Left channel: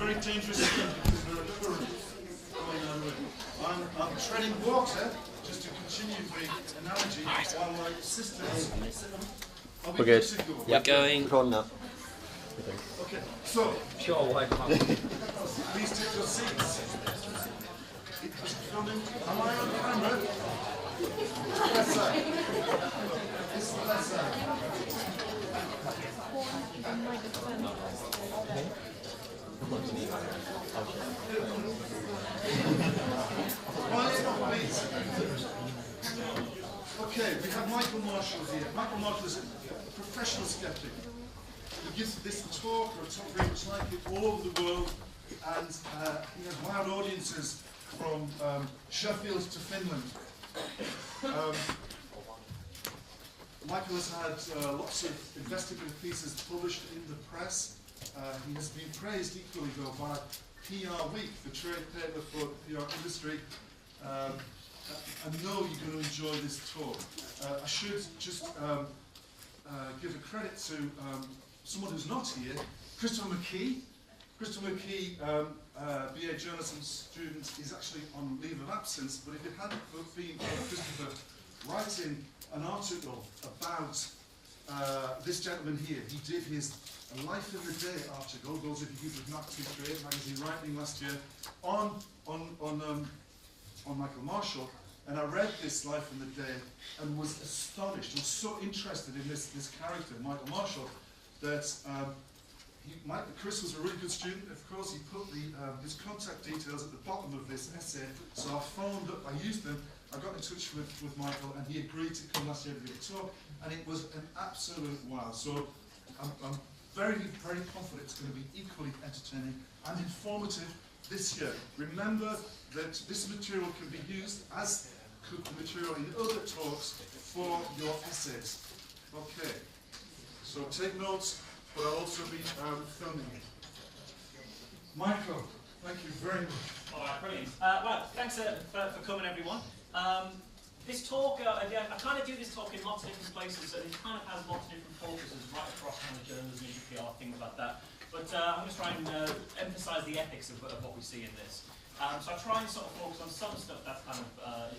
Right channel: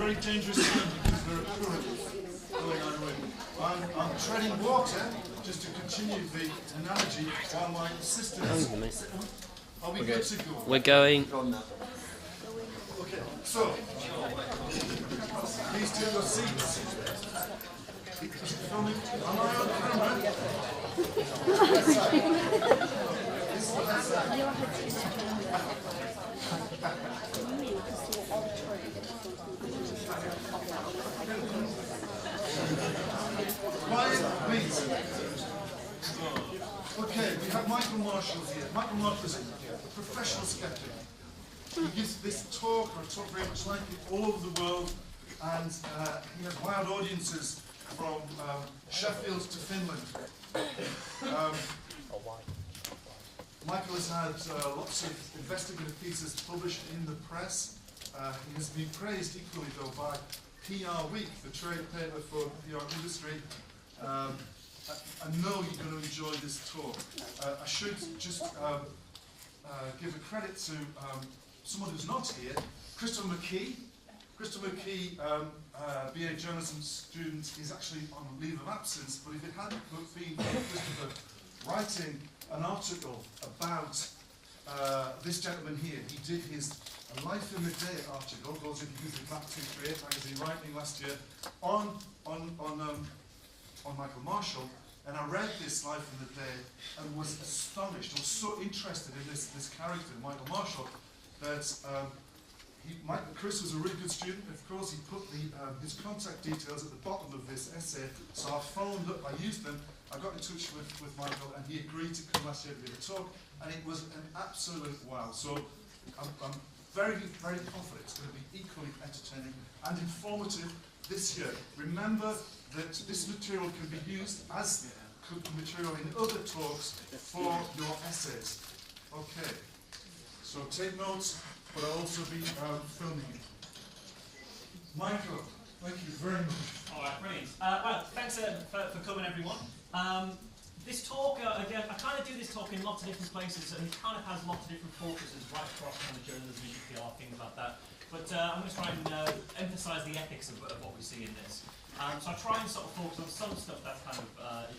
very dangerous thing because there are currents going on with it. I'm treading water, just to continue the analogy, while my assistants... We're good. We're going... Okay, so... Please take your seats. Is it filming? Am I on camera? Left side. This is the left side. Quiet, please. Okay, we have Michael Marshall here. Michael Marshall is a professional skeptic. He gives this talk, or a talk very much like it, all over the world, and he has wide audiences from Sheffield to Finland. Michael has had lots of investigative pieces published in the press. He has been praised equally, though, by PR Week, the trade paper for the PR industry. I know you're going to enjoy this talk. I should just give a credit to someone who's not here, Christopher McKee. Christopher McKee, BA journalism student, is actually on leave of absence, but if it hadn't been for Christopher writing an article about this gentleman here, he did his Life in the Day article, those of you who did Map 238 magazine writing last year, on Michael Marshall, and I read this Life in the Day and was astonished, was so interested in this character, Michael Marshall, that Chris was a really good student. Of course, he put his contact details at the bottom of this essay, so I phoned up, I used them, I got in touch with Michael, and he agreed to come last year to give a talk, and it was an absolute wow. So I'm very, very confident it's going to be equally entertaining and informative this year. Remember that this material can be used, as could the material in other talks, for your essays. Okay, so take notes, but I'll also be filming it. Michael, thank you very much. All right, brilliant. Well, thanks for coming, everyone. This talk, I kind of do this talk in lots of different places, and it kind of has lots of different focuses right across kind of journalism, PR, things like that. But I'm going to try and emphasise the ethics of what we see in this. So I try and sort of focus on some stuff that's kind of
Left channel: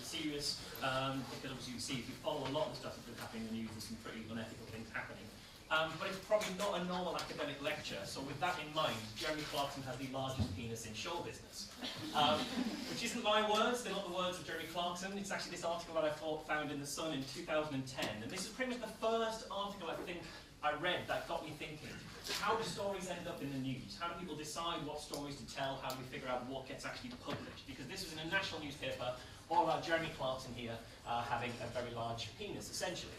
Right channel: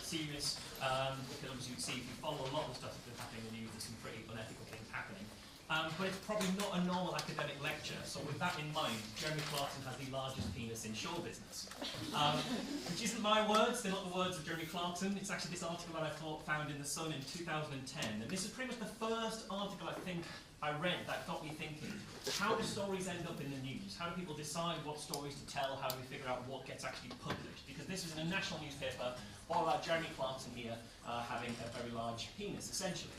serious, because obviously you see, if you follow a lot of the stuff that's been happening in the news, there's some pretty unethical things happening. But it's probably not a normal academic lecture, so with that in mind, Jeremy Clarkson has the largest penis in show business. Which isn't my words, they're not the words of Jeremy Clarkson, it's actually this article that I found in The Sun in 2010, and this is pretty much the first article I think I read that got me thinking, how do stories end up in the news? How do people decide what stories to tell? How do we figure out what gets actually published? Because this is in a national newspaper, all about Jeremy Clarkson here having a very large penis, essentially.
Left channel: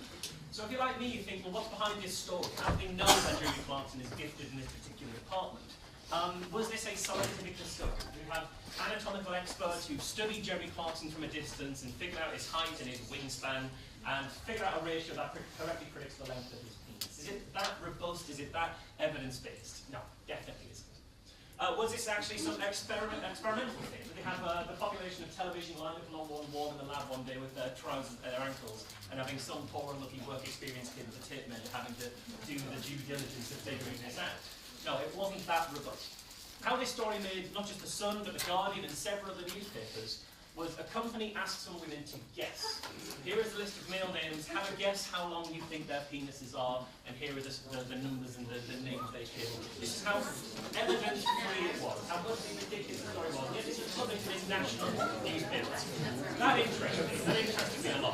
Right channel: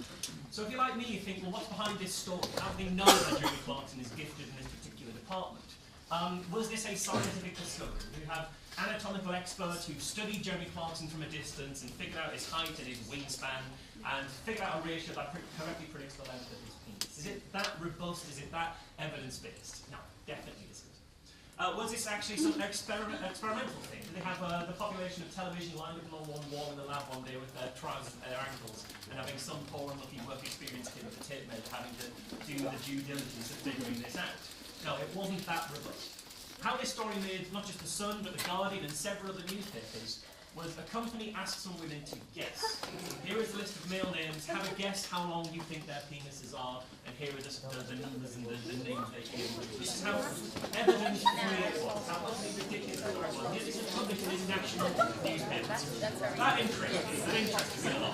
So if you're like me, you think, well, what's behind this story? How do they know that Jeremy Clarkson is gifted in this particular department? Was this a scientific discovery? We have anatomical experts who studied Jeremy Clarkson from a distance and figured out his height and his wingspan and figured out a ratio that correctly predicts the length of his penis. Is it that robust? Is it that evidence-based? No, definitely isn't. Was this actually some experimental thing? Did they have the population of television lined up along one wall in the lab one day with their trousers at their ankles and having some poor unlucky work experience kid with a tape measure having to do the due diligence of figuring this out? No, it wasn't that robust. How this story made not just The Sun, but The Guardian and several other newspapers was a company asked some women to guess. Here is a list of male names. Have a guess how long you think their penises are, and here are the numbers and the names they give. This is how evidence-free it was, how utterly ridiculous the story was. Yet this is published in national newspapers. That interests me a lot.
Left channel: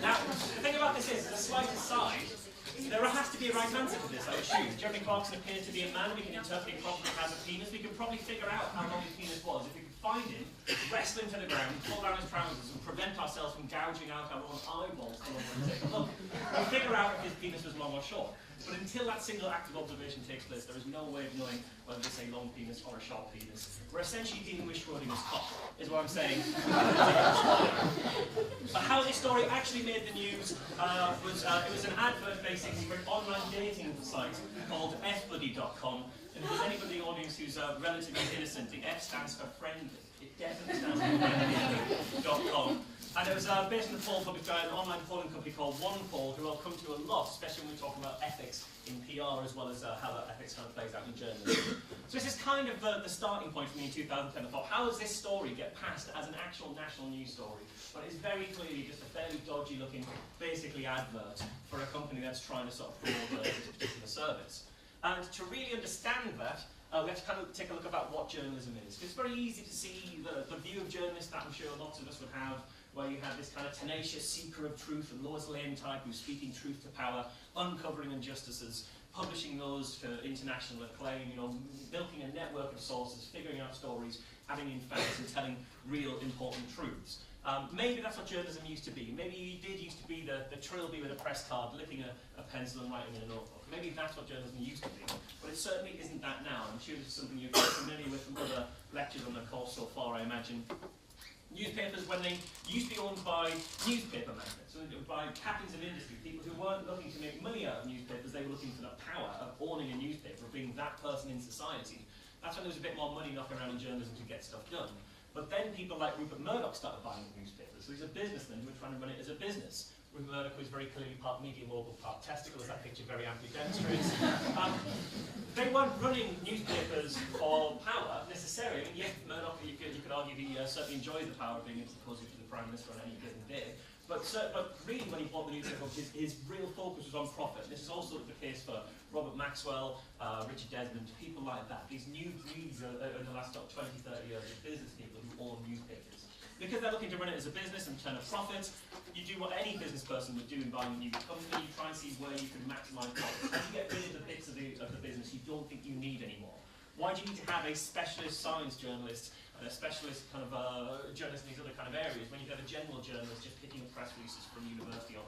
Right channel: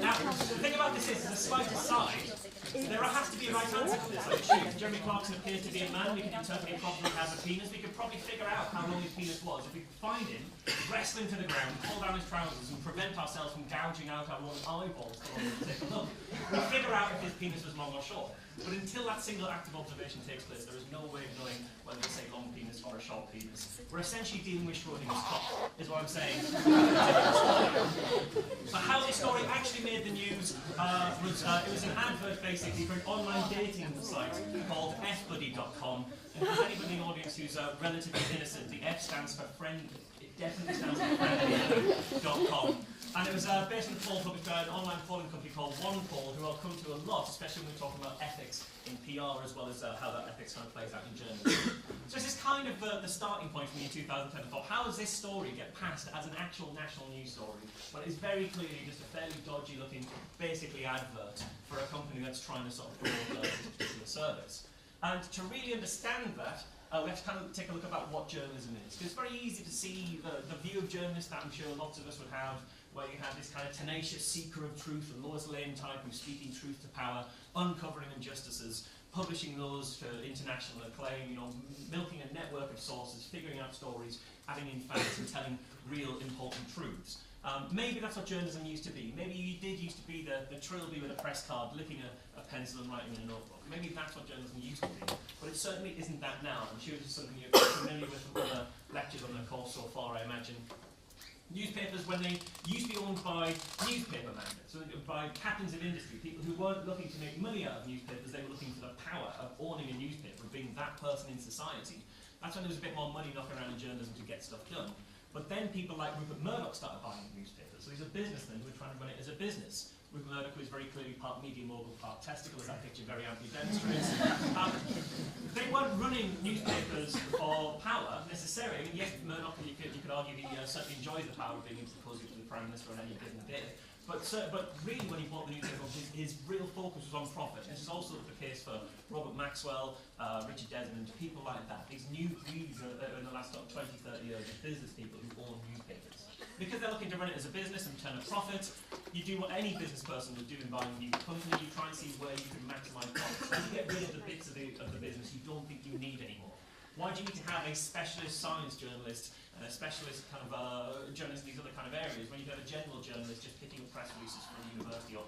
Now, the thing about this is, as a slight aside, there has to be a right answer to this, I assume. Jeremy Clarkson appears to be a man. We can interpret it properly as a penis. We could probably figure out how long his penis was if we could find him, wrestle him to the ground, pull down his trousers, and prevent ourselves from gouging out our own eyeballs to take a look. We'll figure out if his penis was long or short. But until that single act of observation takes place, there is no way of knowing whether it's a long penis or a short penis. We're essentially dealing with Schrodinger's cock, is what I'm saying. But how this story actually made the news was it was an advert basically for an online dating site called fbuddy.com. And And if there's anybody in the audience who's relatively innocent, the F stands for friendly. It definitely stands for friendly.com. And it was based on the poll published by an online polling company called OnePoll, who I'll come to a lot, especially when we're talking about ethics in PR, as well as how that ethics kind of plays out in journalism. So this is kind of the starting point for me in 2010. I thought, how does this story get passed as an actual national news story? Well, it's very clearly just a fairly dodgy looking, basically advert for a company that's trying to sort of promote this particular service. And to really understand that, we have to kind of take a look about what journalism is. Because it's very easy to see the view of journalists that I'm sure lots of us would have, where you have this kind of tenacious seeker of truth, the Lois Lane type who's speaking truth to power, uncovering injustices, publishing those for international acclaim, milking a network of sources, figuring out stories, adding in facts and telling real important truths. Maybe that's what journalism used to be. Maybe you did used to be the trilby with a press card, licking a pencil and writing in a notebook. Maybe that's what journalism used to be. But it certainly isn't that now. I'm sure this is something you're familiar with from other lectures on the course so far, I imagine. Newspapers, when they used to be owned by newspaper magnates, so by captains of industry, people who weren't looking to make money out of newspapers, they were looking for the power of owning a newspaper, of being that person in society. That's when there was a bit more money knocking around in journalism to get stuff done. But then people like Rupert Murdoch started buying newspapers. So he's a businessman who was trying to run it as a business. Rupert Murdoch was very clearly part media mogul, part testicle, as that picture very amply demonstrates. They weren't running newspapers for power necessarily. I mean, yes, Murdoch, you could argue he certainly enjoyed the power of being able to propose it to the Prime Minister on any given day. But really, when he bought the newspaper, his real focus was on profit. This is also the case for Robert Maxwell, Richard Desmond, people like that. These new breeds in the last 20, 30 years of business people who own newspapers. Because they're looking to run it as a business and turn a profit, you do what any business person would do in buying a new company. You try and see where you can maximise profits. And you get rid of the bits of the business you don't think you need anymore. Why do you need to have a specialist science journalist and a specialist kind of journalist in these other kind of areas when you can have a general journalist just picking up press releases from university or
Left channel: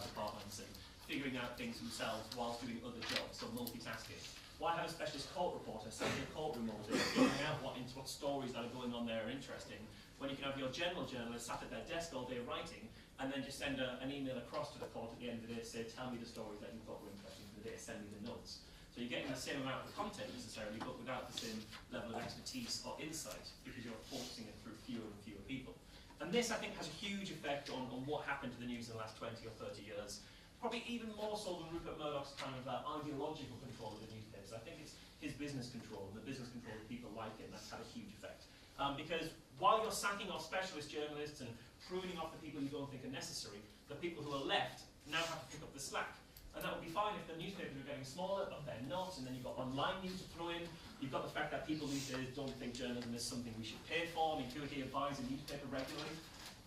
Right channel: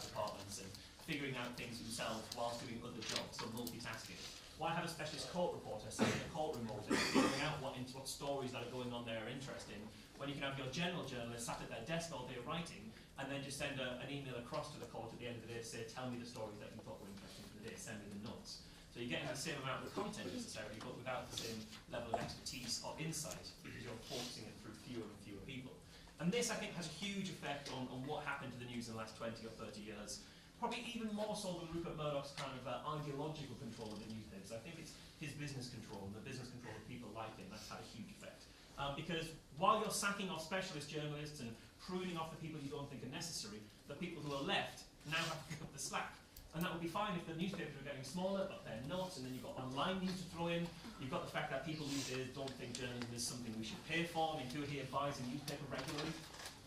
departments and figuring out things themselves whilst doing other jobs, so multitasking? Why have a specialist court reporter sitting in a courtroom all day figuring out what stories that are going on there are interesting, when you can have your general journalist sat at their desk all day writing and then just send an email across to the court at the end of the day to say, tell me the stories that you thought were interesting for the day, send me the notes. So you're getting the same amount of content necessarily, but without the same level of expertise or insight, because you're focusing it through fewer and fewer people. And this, I think, has a huge effect on what happened to the news in the last 20 or 30 years. Probably even more so than Rupert Murdoch's kind of ideological control of the newspapers. I think it's his business control, the business control of people like him, that's had a huge effect. Because while you're sacking off specialist journalists and pruning off the people you don't think are necessary, the people who are left now have to pick up the slack. And that would be fine if the newspapers were getting smaller, but they're not, and then you've got online news to throw in. You've got the fact that people these days don't think journalism is something we should pay for. I mean, who here buys a newspaper regularly?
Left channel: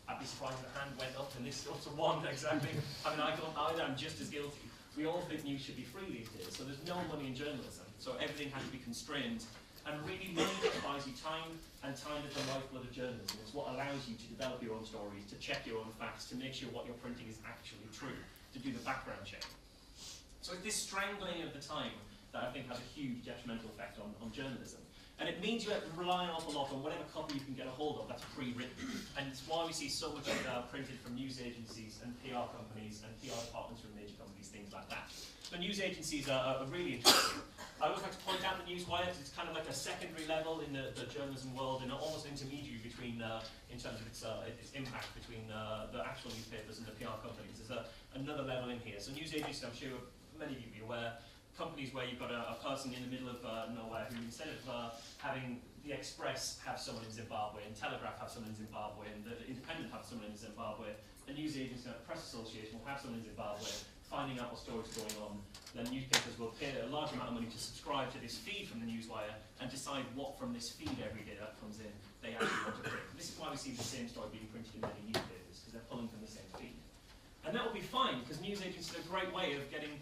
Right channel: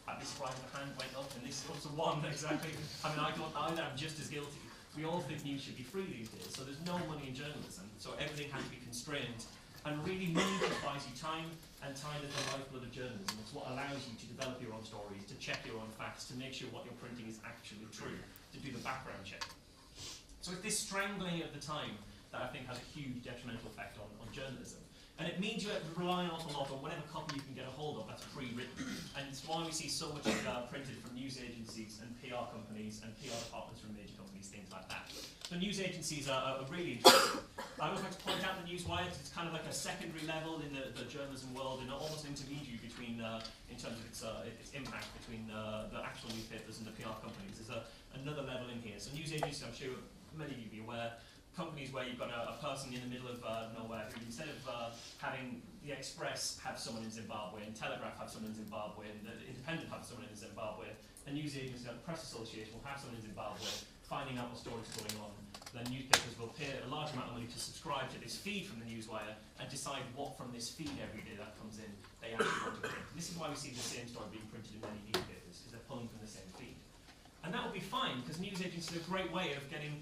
I'd be surprised the hand went up, and this goes to one, exactly. I mean, I don't either, I'm just as guilty. We all think news should be free these days, so there's no money in journalism, so everything has to be constrained. And really, money just buys you time, and time is the lifeblood of journalism. It's what allows you to develop your own stories, to check your own facts, to make sure what you're printing is actually true, to do the background check. So it's this strangling of the time that I think has a huge detrimental effect on journalism. And it means you have to rely an awful lot on whatever copy you can get a hold of that's pre-written. And it's why we see so much printed from news agencies and PR companies and PR departments from major companies, things like that. So news agencies are really interesting. I always like to point out the newswire because it's kind of like a secondary level in the journalism world and almost an intermediary between, in terms of its impact between the actual newspapers and the PR companies. There's another level in here. So news agencies, I'm sure many of you will be aware, companies where you've got a person in the middle of nowhere who, instead of having the Express have someone in Zimbabwe and Telegraph have someone in Zimbabwe and the Independent have someone in Zimbabwe, a news agency and a press association will have someone in Zimbabwe finding out what stories are going on. Then newspapers will pay a large amount of money to subscribe to this feed from the newswire and decide what from this feed every day that comes in they actually want to print. And this is why we see the same story being printed in many newspapers, because they're pulling from the same feed. And that would be fine, because news agencies are a great way of getting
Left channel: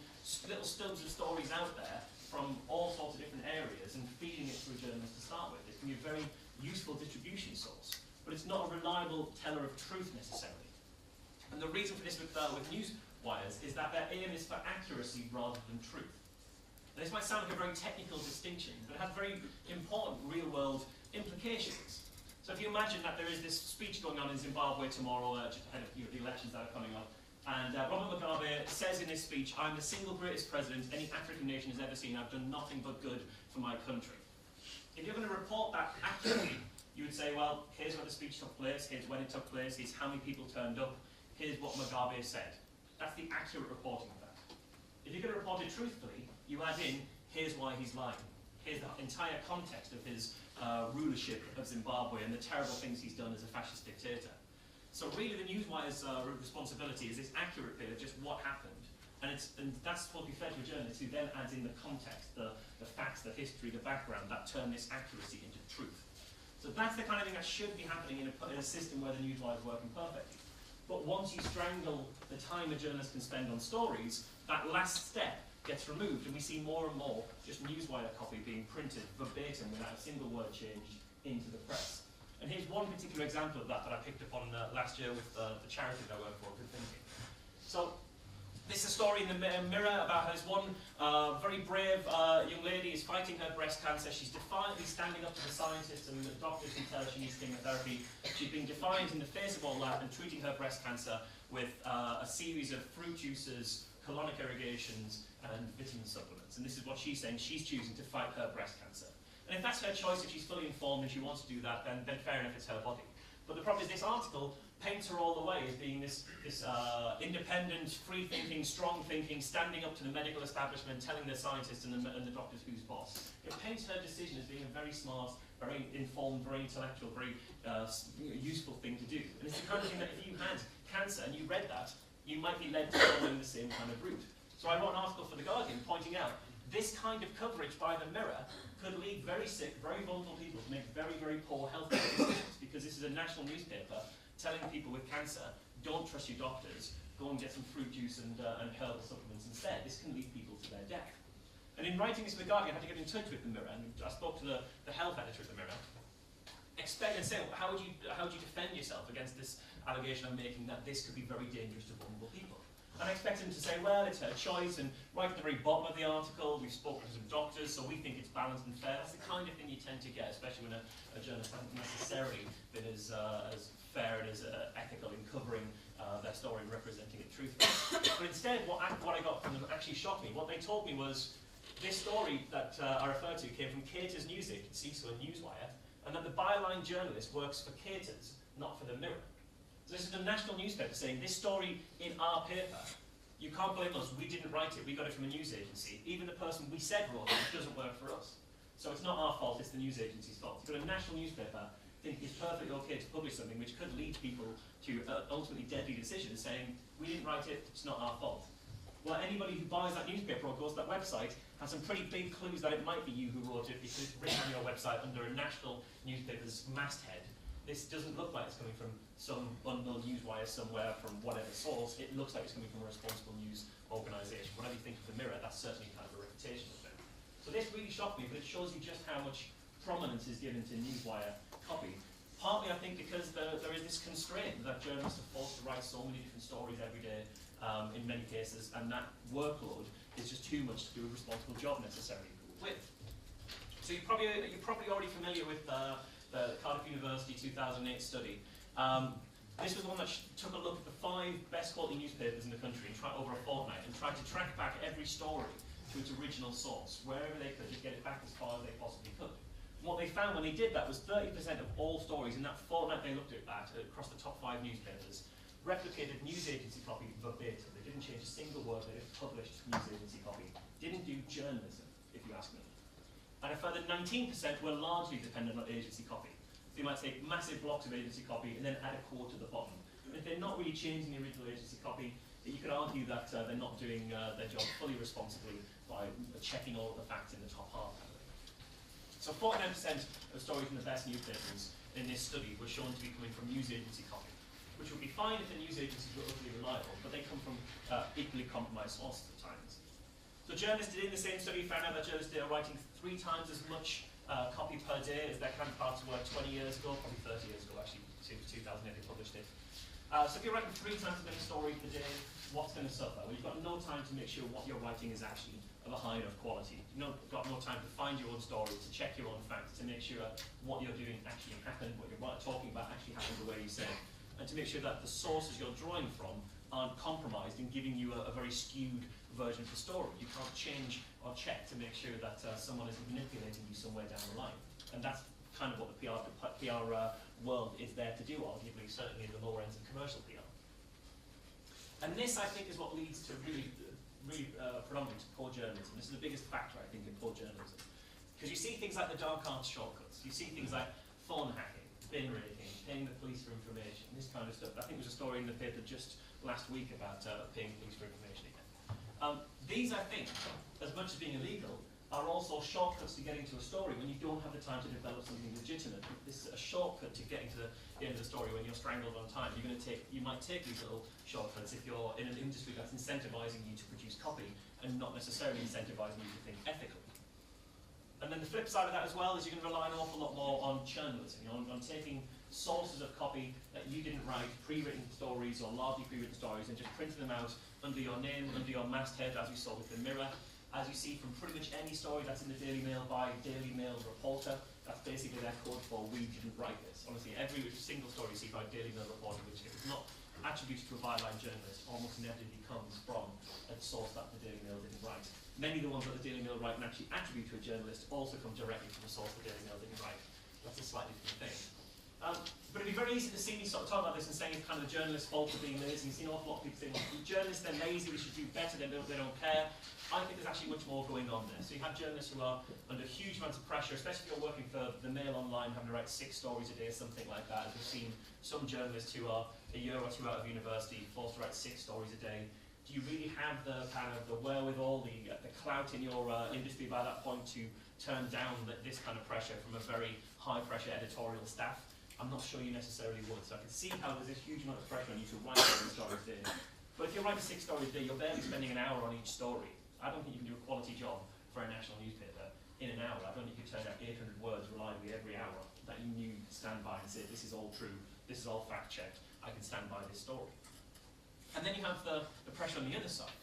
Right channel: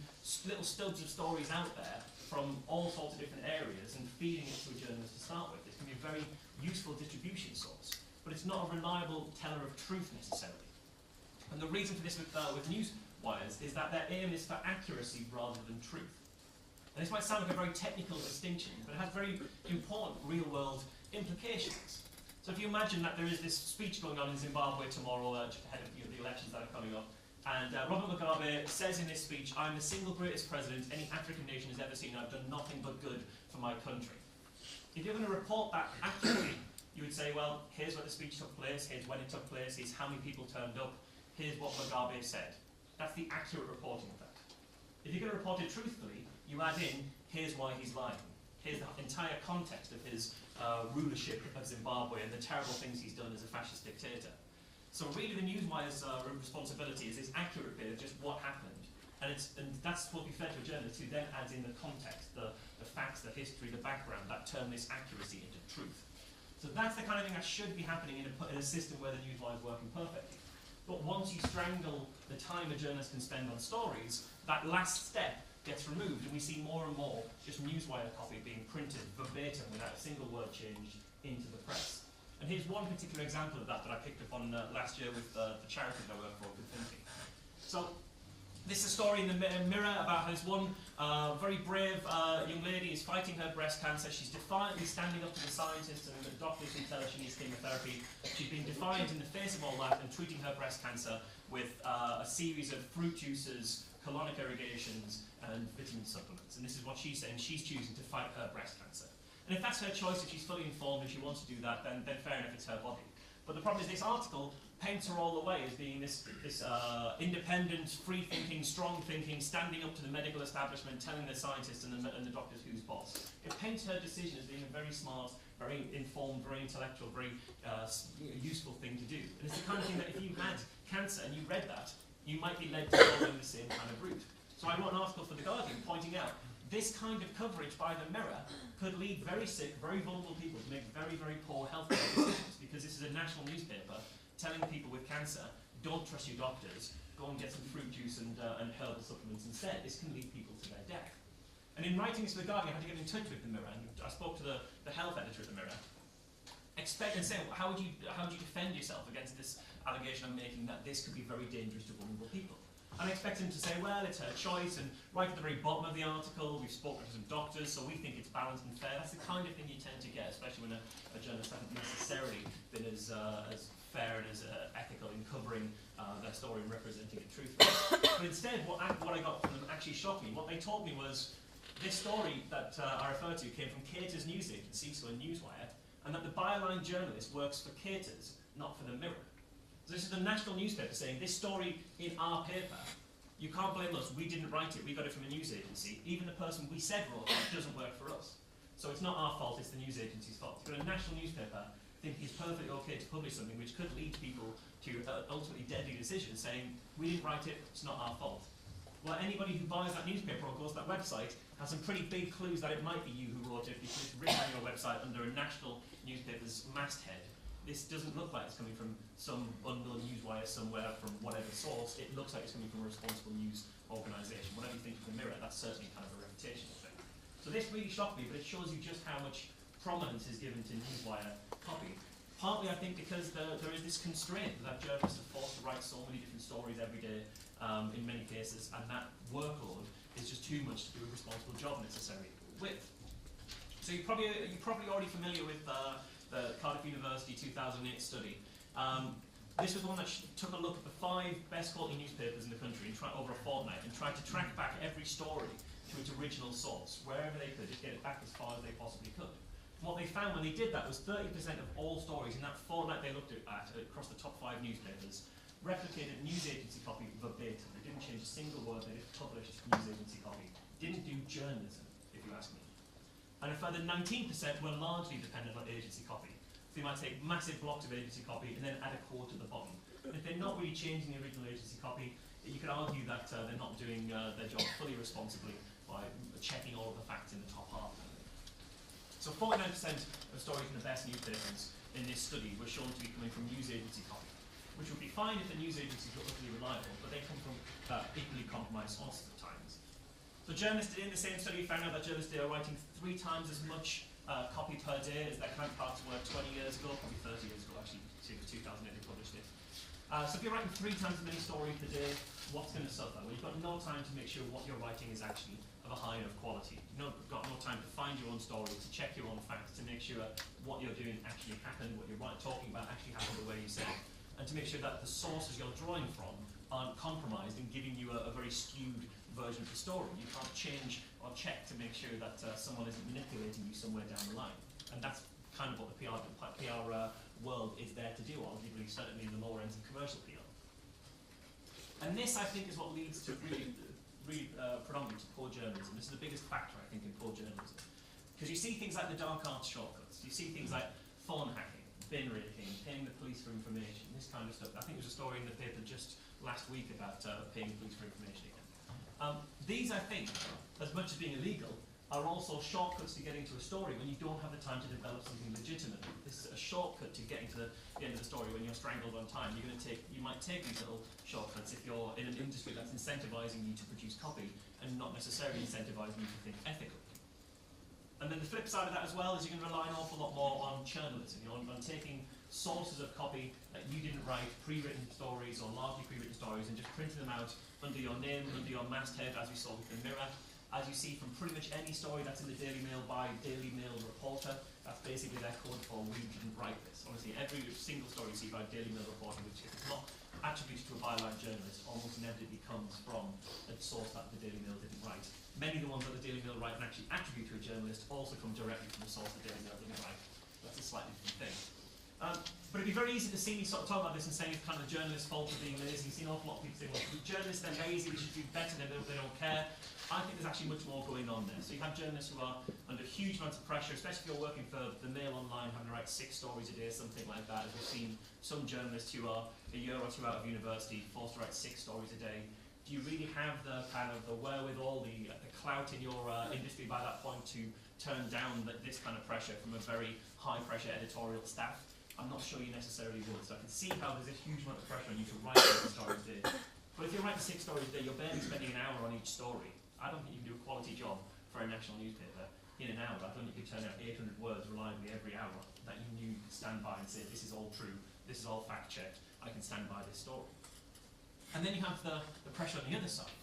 little stubs of stories out there from all sorts of different areas and feeding it to a journalist to start with. It can be a very useful distribution source, but it's not a reliable teller of truth necessarily. And the reason for this with news wires is that their aim is for accuracy rather than truth. And this might sound like a very technical distinction, but it has very important real-world implications. So if you imagine that there is this speech going on in Zimbabwe tomorrow, just ahead of the elections that are coming up, And Robert Mugabe says in his speech, "I'm the single greatest president any African nation has ever seen. I've done nothing but good for my country." If you're going to report that accurately, you would say, well, here's where the speech took place, here's when it took place, here's how many people turned up, here's what Mugabe said. That's the accurate reporting of that. If you're going to report it truthfully, you add in, here's why he's lying. Here's the entire context of his rulership of Zimbabwe and the terrible things he's done as a fascist dictator. So really the Newswire's responsibility is this accurate bit of just what happened. And that's what we fed to a journalist who then adds in the context, the facts, the history, the background, that turn this accuracy into truth. So that's the kind of thing that should be happening in a system where the Newswire is working perfectly. But once you strangle the time a journalist can spend on stories, that last step gets removed, and we see more and more just Newswire copy being printed verbatim without a single word changed into the press. And here's one particular example of that I picked up on last year with the charity that I work for, Good Thinking. So this is a story in the Mirror about how this one very brave young lady is fighting her breast cancer. She's defiantly standing up to the scientists and the doctors who tell her she needs chemotherapy. She's being defiant in the face of all that and treating her breast cancer with a series of fruit juices, colonic irrigations, and vitamin supplements. And this is what she's saying. She's choosing to fight her breast cancer. And if that's her choice, if she's fully informed and she wants to do that, then fair enough, it's her body. But the problem is this article paints her all the way as being this independent, free-thinking, strong-thinking, standing up to the medical establishment, telling the scientists and the doctors who's boss. It paints her decision as being a very smart, very informed, very intellectual, very useful thing to do. And it's the kind of thing that if you had cancer and you read that, you might be led to following the same kind of route. So I wrote an article for The Guardian pointing out this kind of coverage by the Mirror could lead very sick, very vulnerable people to make very, very poor healthcare decisions, because this is a national newspaper telling people with cancer, don't trust your doctors, go and get some fruit juice and herbal supplements instead. This can lead people to their death. And in writing this for The Guardian, I had to get in touch with the Mirror, and I spoke to the health editor of the Mirror, and say, how would you defend yourself against this allegation I'm making that this could be very dangerous to vulnerable people? And I expect him to say, well, it's her choice, and right at the very bottom of the article, we've spoken to some doctors, so we think it's balanced and fair. That's the kind of thing you tend to get, especially when a journalist hasn't necessarily been as fair and as ethical in covering their story and representing it truthfully. But instead, what I got from them actually shocked me. What they told me was this story that I referred to came from Cater's news agency, so a Newswire, and that the byline journalist works for Cater's, not for the Mirror. So this is the national newspaper saying this story in our paper, you can't blame us, we didn't write it, we got it from a news agency. Even the person we said wrote it doesn't work for us. So it's not our fault, it's the news agency's fault. You've got a national newspaper think it's perfectly okay to publish something which could lead people to ultimately deadly decisions, saying, we didn't write it, it's not our fault. Well, anybody who buys that newspaper or goes to that website has some pretty big clues that it might be you who wrote it, because it's written on your website under a national newspaper's masthead. This doesn't look like it's coming from some unknown newswire somewhere from whatever source. It looks like it's coming from a responsible news organisation. Whatever you think of the Mirror, that's certainly kind of a reputational thing. So this really shocked me, but it shows you just how much prominence is given to newswire copy. Partly, I think, because there is this constraint that journalists are forced to write so many different stories every day, in many cases, and that workload is just too much to do a responsible job necessarily with. So you're probably already familiar with the Cardiff University 2008 study. This was the one that took a look at the 5 best quality newspapers in the country and over a fortnight, and tried to track back every story to its original source, wherever they could, just get it back as far as they possibly could. And what they found when they did that was 30% of all stories in that fortnight they looked at across the top 5 newspapers replicated news agency copy verbatim. They didn't change a single word, they just published news agency copy. Didn't do journalism, if you ask me. And a further 19% were largely dependent on agency copy. So you might take massive blocks of agency copy and then add a quote to the bottom. And if they're not really changing the original agency copy, you could argue that they're not doing their job fully responsibly by checking all of the facts in the top half. So 49% of stories in the best newspapers in this study were shown to be coming from news agency copy, which would be fine if the news agencies were utterly reliable, but they come from equally compromised sources at times. So journalists in the same study found out that journalists are writing 3 times as much copy per day as their counterparts were 20 years ago, probably 30 years ago actually, 2008 they published it. So if you're writing 3 times as many stories per day, what's going to suffer? Well, you've got no time to make sure what you're writing is actually of a high enough quality. You've got no time to find your own story, to check your own facts, to make sure what you're doing actually happened, what you're talking about actually happened the way you said, and to make sure that the sources you're drawing from aren't compromised in giving you a very skewed version of the story. You can't change or check to make sure that someone isn't manipulating you somewhere down the line. And that's kind of what the PR world is there to do, arguably, certainly in the lower ends of commercial PR. And this, I think, is what leads to really predominantly to poor journalism. This is the biggest factor, I think, in poor journalism. Because you see things like the dark arts shortcuts, you see things like phone hacking, bin rating, paying the police for information, this kind of stuff. I think there was a story in the paper just last week about paying police for information again. These, I think, as much as being illegal, are also shortcuts to getting to a story when you don't have the time to develop something legitimate. This is a shortcut to getting to the end of the story when you're strangled on time. You might take these little shortcuts if you're in an industry that's incentivizing you to produce copy and not necessarily incentivizing you to think ethically. And then the flip side of that as well is you're going to rely an awful lot more on journalism, on taking sources of copy that you didn't write, pre-written stories or largely pre-written stories, and just printing them out under your name, under your masthead, as we saw with the Mirror. As you see from pretty much any story that's in the Daily Mail by Daily Mail reporter, that's basically their code for we didn't write this. Honestly, every single story you see by Daily Mail reporter, which if it's not attributed to a byline journalist, almost inevitably comes from a source that the Daily Mail didn't write. Many of the ones that the Daily Mail write and actually attribute to a journalist also come directly from a source the Daily Mail didn't write. That's a slightly different thing. But it'd be very easy to see me sort of talk about this and saying it's kind of the journalist's fault for being lazy. You've seen an awful lot of people saying, well, journalists, they're lazy, they should do better, they don't care. I think there's actually much more going on there. So you have journalists who are under huge amounts of pressure, especially if you're working for the Mail Online, having to write 6 stories a day, something like that. As we've seen some journalists who are a year or two out of university, forced to write 6 stories a day. Do you really have the kind of the wherewithal, the clout in your industry by that point to turn down this kind of pressure from a very high-pressure editorial staff? I'm not sure you necessarily would. So I can see how there's a huge amount of pressure on you to write 6 stories a day. But if you write 6 stories a day, you're barely spending an hour on each story. I don't think you can do a quality job for a national newspaper in an hour. I don't think you can turn out 800 words reliably every hour that you knew you could stand by and say, this is all true, this is all fact-checked, I can stand by this story. And then you have the pressure on the other side.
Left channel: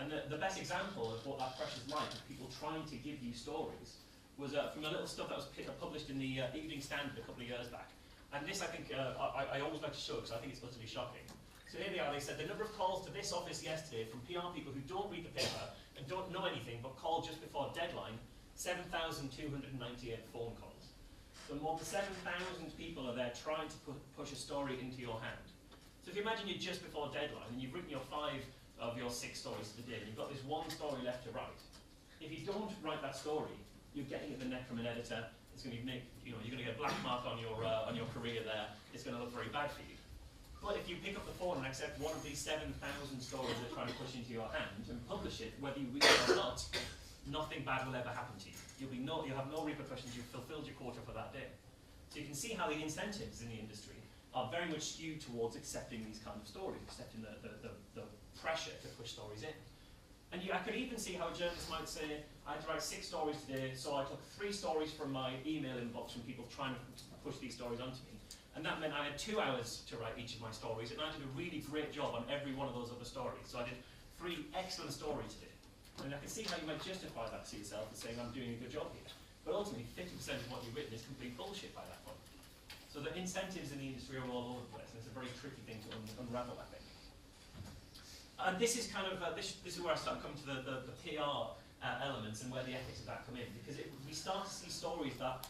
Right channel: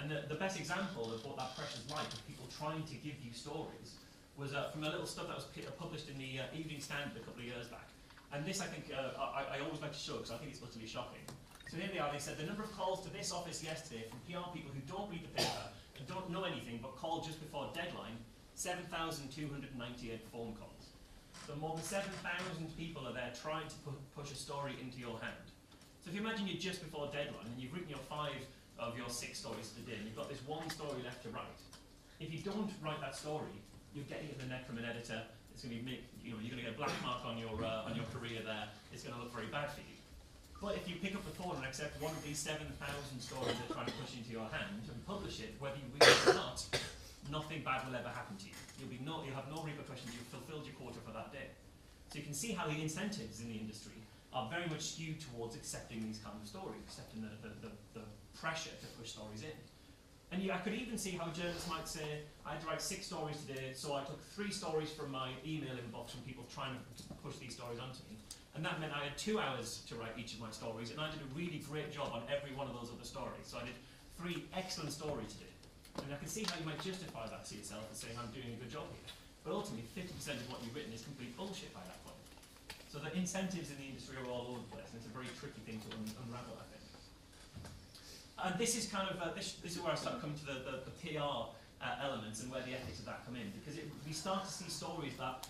And the best example of what that pressure is like, of people trying to give you stories, was from a little stuff that was published in the Evening Standard a couple of years back. And this, I think, I always like to show because I think it's utterly shocking. So here they are, they said the number of calls to this office yesterday from PR people who don't read the paper and don't know anything but call just before deadline, 7,298 phone calls. So more than 7,000 people are there trying to push a story into your hand. So if you imagine you're just before deadline and you've written your 5 of your 6 stories today and you've got this one story left to write, if you don't write that story, you're getting it in the neck from an editor. It's going to you're going to get a black mark on your career there. It's going to look very bad for you. But if you pick up the phone and accept one of these 7,000 stories they're trying to push into your hand and publish it, whether you read it or not, nothing bad will ever happen to you. You'll have no repercussions. You've fulfilled your quota for that day. So you can see how the incentives in the industry are very much skewed towards accepting these kind of stories, accepting the pressure to push stories in. And I could even see how journalists might say, I had to write 6 stories today, so I took 3 stories from my email inbox from people trying to push these stories onto me. And that meant I had 2 hours to write each of my stories, and I did a really great job on every one of those other stories. So I did 3 excellent stories today. And I can see how you might justify that to yourself as saying, I'm doing a good job here. But ultimately, 50% of what you've written is complete bullshit by that point. So the incentives in the industry are all over the place, and it's a very tricky thing to unravel, I think. And this is kind of, this is where I start coming to the PR elements and where the ethics of that come in. Because we start to see stories that,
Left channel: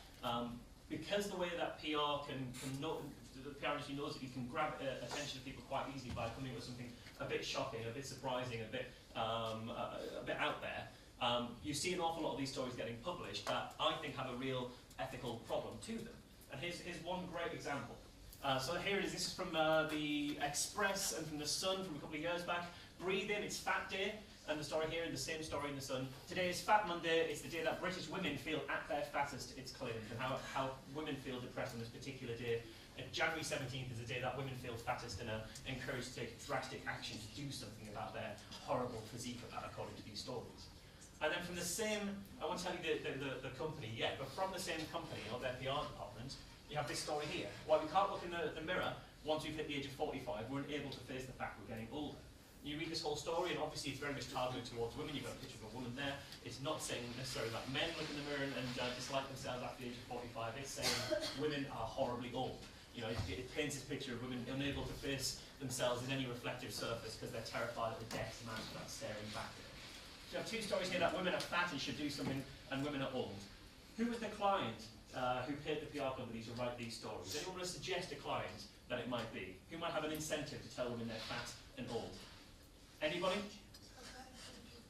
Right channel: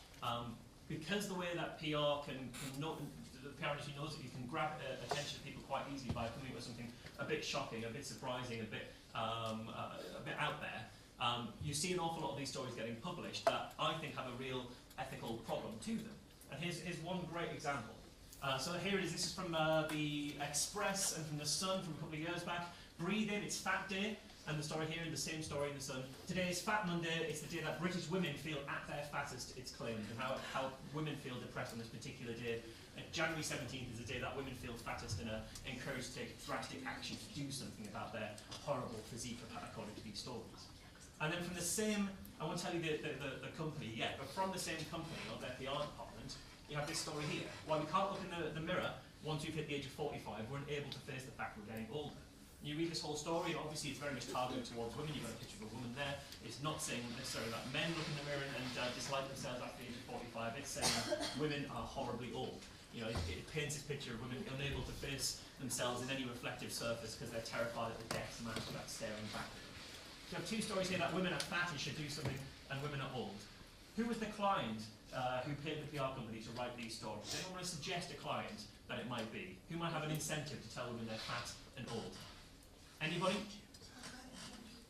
because the way that PR the PR industry knows that you can grab attention of people quite easily by coming with something a bit shocking, a bit surprising, a bit out there. You see an awful lot of these stories getting published that I think have a real ethical problem to them. And here's one great example. So here it is. This is from the Express and from the Sun from a couple of years back. Breathe in, it's Fat Day. And the story here, the same story in the Sun. Today is Fat Monday. It's the day that British women feel at their fattest, it's claimed, and how women feel depressed on this particular day. January 17th is the day that women feel fattest and are encouraged to take drastic action to do something about their horrible physique, according to these stories. And then from the same, I won't tell you the company yet, but from the same company, or their PR department, you have this story here. While we can't look in the mirror, once we've hit the age of 45, we're unable to face the fact we're getting older. You read this whole story, and obviously it's very much targeted towards women. You've got a picture of a woman there. It's not saying necessarily that men look in the mirror and dislike themselves after the age of 45. It's saying women are horribly old. You know, it paints this picture of women unable to face themselves in any reflective surface because they're terrified of the depth and that staring back at them. So you have two stories here that women are fat and should do something, and women are old. Who was the client who paid the PR company to write these stories? Anyone want to suggest a client that it might be? Who might have an incentive to tell women they're fat and old? Anybody?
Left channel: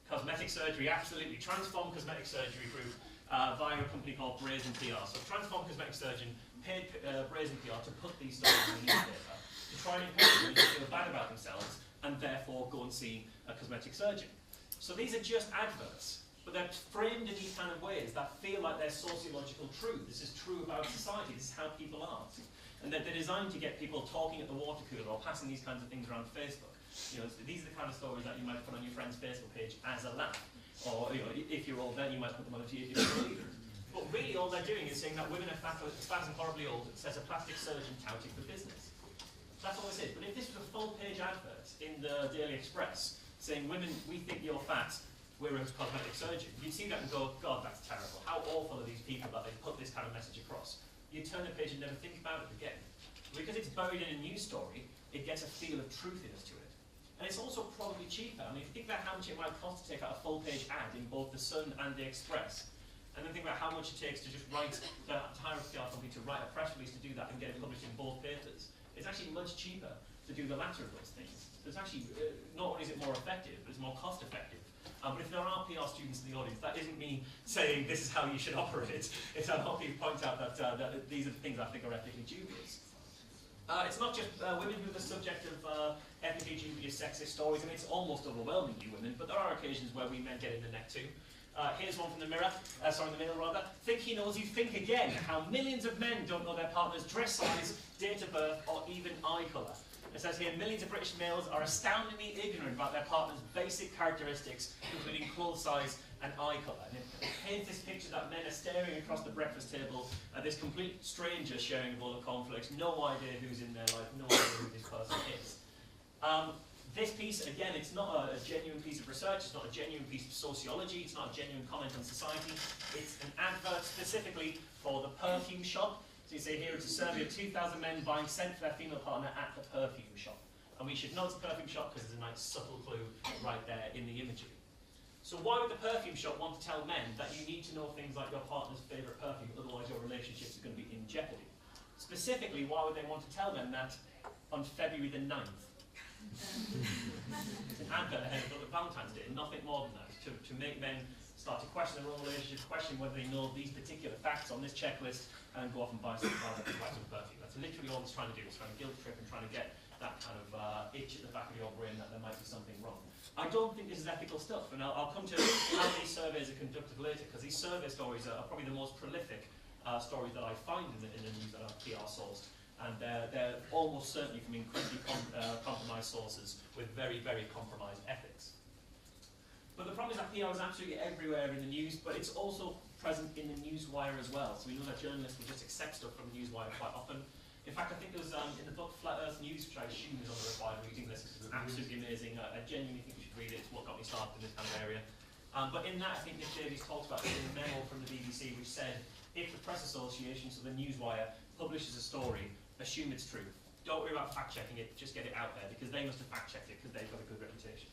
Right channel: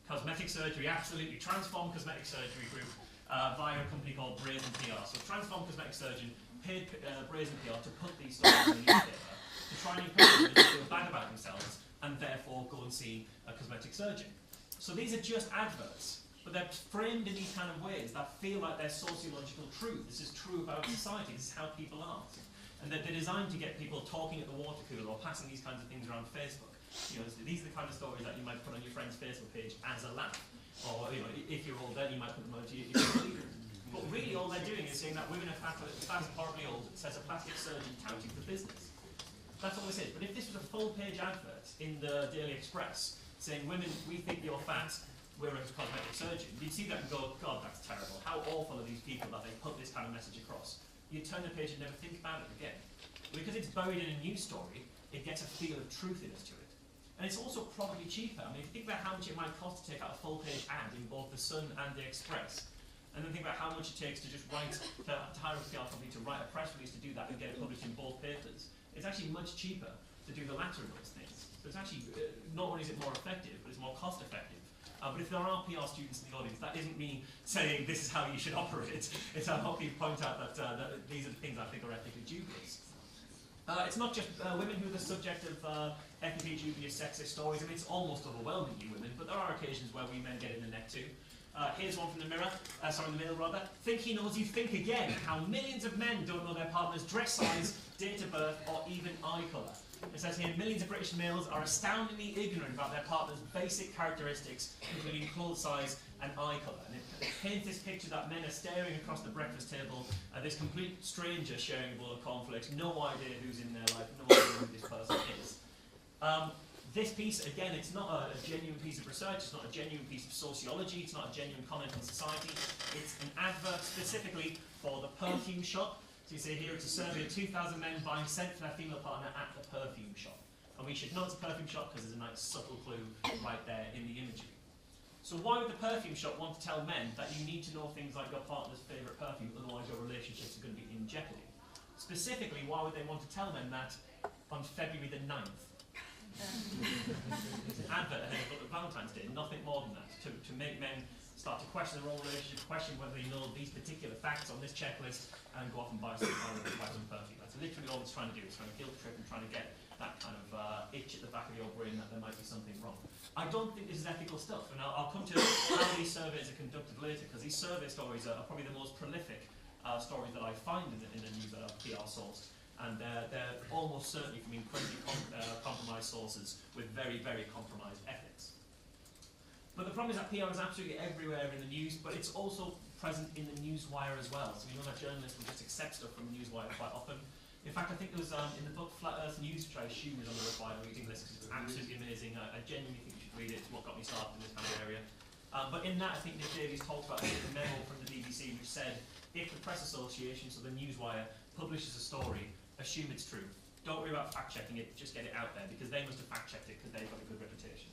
Cosmetic surgery, absolutely. Transform Cosmetic Surgery Group via a company called Brazen PR. So Transform Cosmetic Surgeon paid Brazen PR to put these stories in the newspaper to try and encourage women to feel bad about themselves and therefore go and see a cosmetic surgeon. So these are just adverts, but they're framed in these kind of ways that feel like they're sociological truth. This is true about society. This is how people are. And they're designed to get people talking at the water cooler or passing these kinds of things around Facebook. You know, these are the kind of stories that you might put on your friend's Facebook page as a laugh. Or, you know, if you're old then you might put them on to your leader. But really all they're doing is saying that women are fat and horribly old, says a plastic surgeon touting for business. That's all this is. But if this was a full-page advert in the Daily Express saying, women, we think you're fat, we're a cosmetic surgeon, you'd see that and go, God, that's terrible. How awful are these people that they put this kind of message across? You'd turn the page and never think about it again. Because it's buried in a news story, it gets a feel of truthiness to it. And it's also probably cheaper. I mean, if you think about how much it might cost to take out a full-page ad in both the Sun and the Express, and then think about how much it takes to just write, to hire a PR company to write a press release to do that and get it published in both papers, it's actually much cheaper to do the latter of those things. So it's actually, not only is it more effective, but it's more cost-effective. But if there are PR students in the audience, that isn't me saying this is how you should operate. It's how you point out that, that these are the things I think are ethically dubious. It's not just women who are the subject of ethically dubious sexist stories. I mean, it's almost overwhelmingly women, but there are occasions where we men get in the neck too. Here's one from the Mail rather. Think he knows you, think again. How millions of men don't know their partner's dress size, date of birth, or even eye colour. It says here, millions of British males are astoundingly ignorant about their partner's basic characteristics, including clothes size and eye colour. And it paints this picture that men are staring across the breakfast table at this complete stranger sharing a bowl of cornflakes, no idea who's in their life, no idea who this person is. This piece, again, it's not a genuine piece of research, it's not a genuine piece of sociology, it's not a genuine comment on society. It's an advert specifically for the perfume shop. So you see here, it's a survey of 2,000 men buying scent for their female partner at the perfume shop. And we should know it's a perfume shop because there's a nice subtle clue right there in the imagery. So why would the perfume shop want to tell men that you need to know things like your partner's favourite perfume, otherwise your relationships are going to be in jeopardy? Specifically, why would they want to tell them that on February the 9th? It's an advert ahead of Valentine's Day, nothing more than that, to make men start to question their own relationship, question whether they know these particular facts on this checklist, and go off and buy some perfume. That's literally all it's trying to do. It's trying to guilt trip and trying to get that kind of itch at the back of your brain that there might be something wrong. I don't think this is ethical stuff, and I'll come to how these surveys are conducted later, because these survey stories are probably the most prolific stories that I find in the news that are PR sourced. And they're almost certainly from incredibly compromised sources with very, very compromised ethics. But the problem is that PR is absolutely everywhere in the news, but it's also present in the newswire as well. So we know that journalists will just accept stuff from the newswire quite often. In fact, I think there was in the book Flat Earth News, which I assume is on the required reading list, because it's absolutely amazing. I genuinely think you should read it. It's what got me started in this kind of area. But in that, I think Nick Davies talked about a memo from the BBC which said, if the Press Association, so the newswire, publishes a story, assume it's true. Don't worry about fact-checking it, just get it out there, because they must have fact-checked it because they've got a good reputation.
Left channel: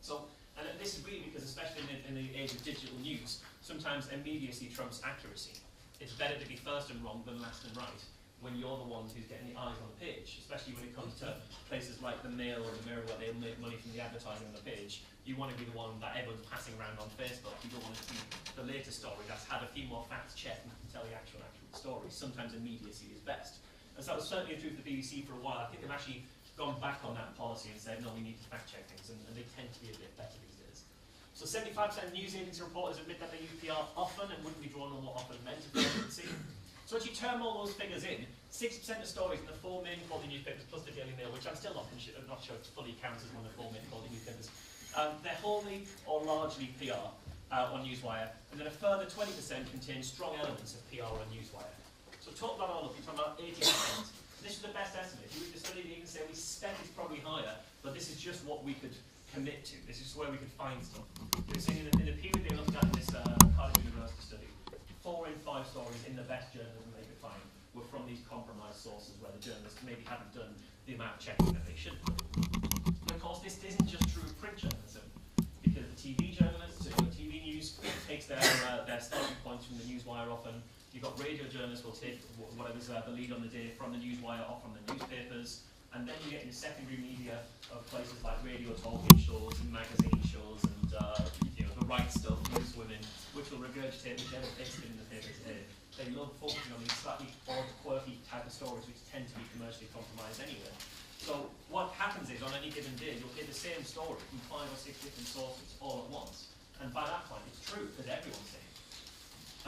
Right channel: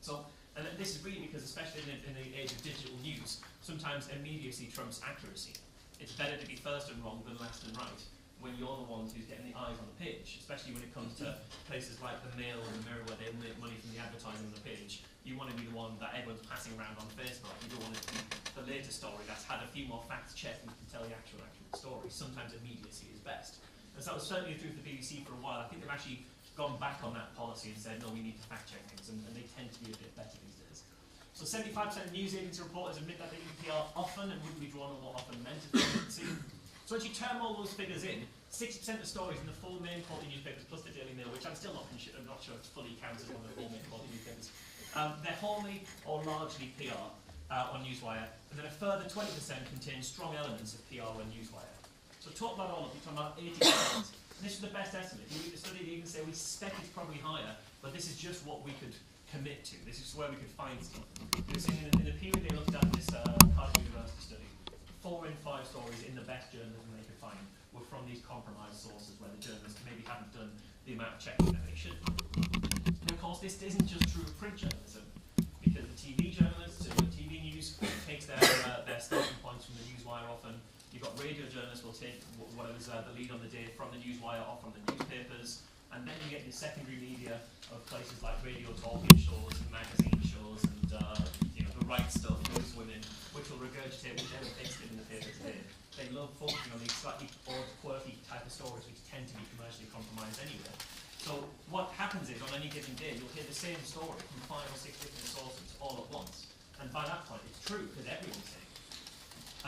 So, and this is really because, especially in the age of digital news, sometimes immediacy trumps accuracy. It's better to be first and wrong than last and right when you're the ones who's getting the eyes on the page, especially when it comes to places like the Mail or the Mirror where they make money from the advertising on the page. You want to be the one that everyone's passing around on Facebook. You don't want it to be the latest story that's had a few more facts checked and can tell the actual story. Sometimes immediacy is best. And so that was certainly true for the BBC for a while. I think they've actually gone back on that policy and said, no, we need to fact check things, and they tend to be a bit better these days. So 75% of news agency reporters admit that they use PR often and wouldn't be drawn on more often than see. So as you term all those figures in, 60% of stories in the 4 main quality newspapers plus the Daily Mail, which I'm still not sure it's fully counts as one of the 4 main quality newspapers, they're wholly or largely PR on Newswire, and then a further 20% contains strong elements of PR on Newswire. So talk about all of you, talking about 80%. This is the best estimate. If you read the study, you can say we suspect it's probably higher, but this is just what we could commit to. This is where we could find stuff. They're saying in the period they looked at in this Cardiff University study, 4 in 5 stories in the best journalism they could find were from the these compromised sources where the journalists maybe haven't done the amount of checking that they should do. And of course, this isn't just true of print journalism, because the TV journalists, TV news takes their starting points from the newswire often. You've got radio journalists will take whatever's the lead on the day from the newswire or from the newspapers, and then you get your secondary media of places like radio talking shows and magazine shows and the right stuff, newswomen, which will regurgitate whichever bits in the paper today. They love focusing on these slightly odd, quirky type of stories which tend to be commercially compromised anyway. So what happens is, on any given day, you'll hear the same story from 5 or 6 different sources all at once. And by that point, it's true, because everyone's saying it.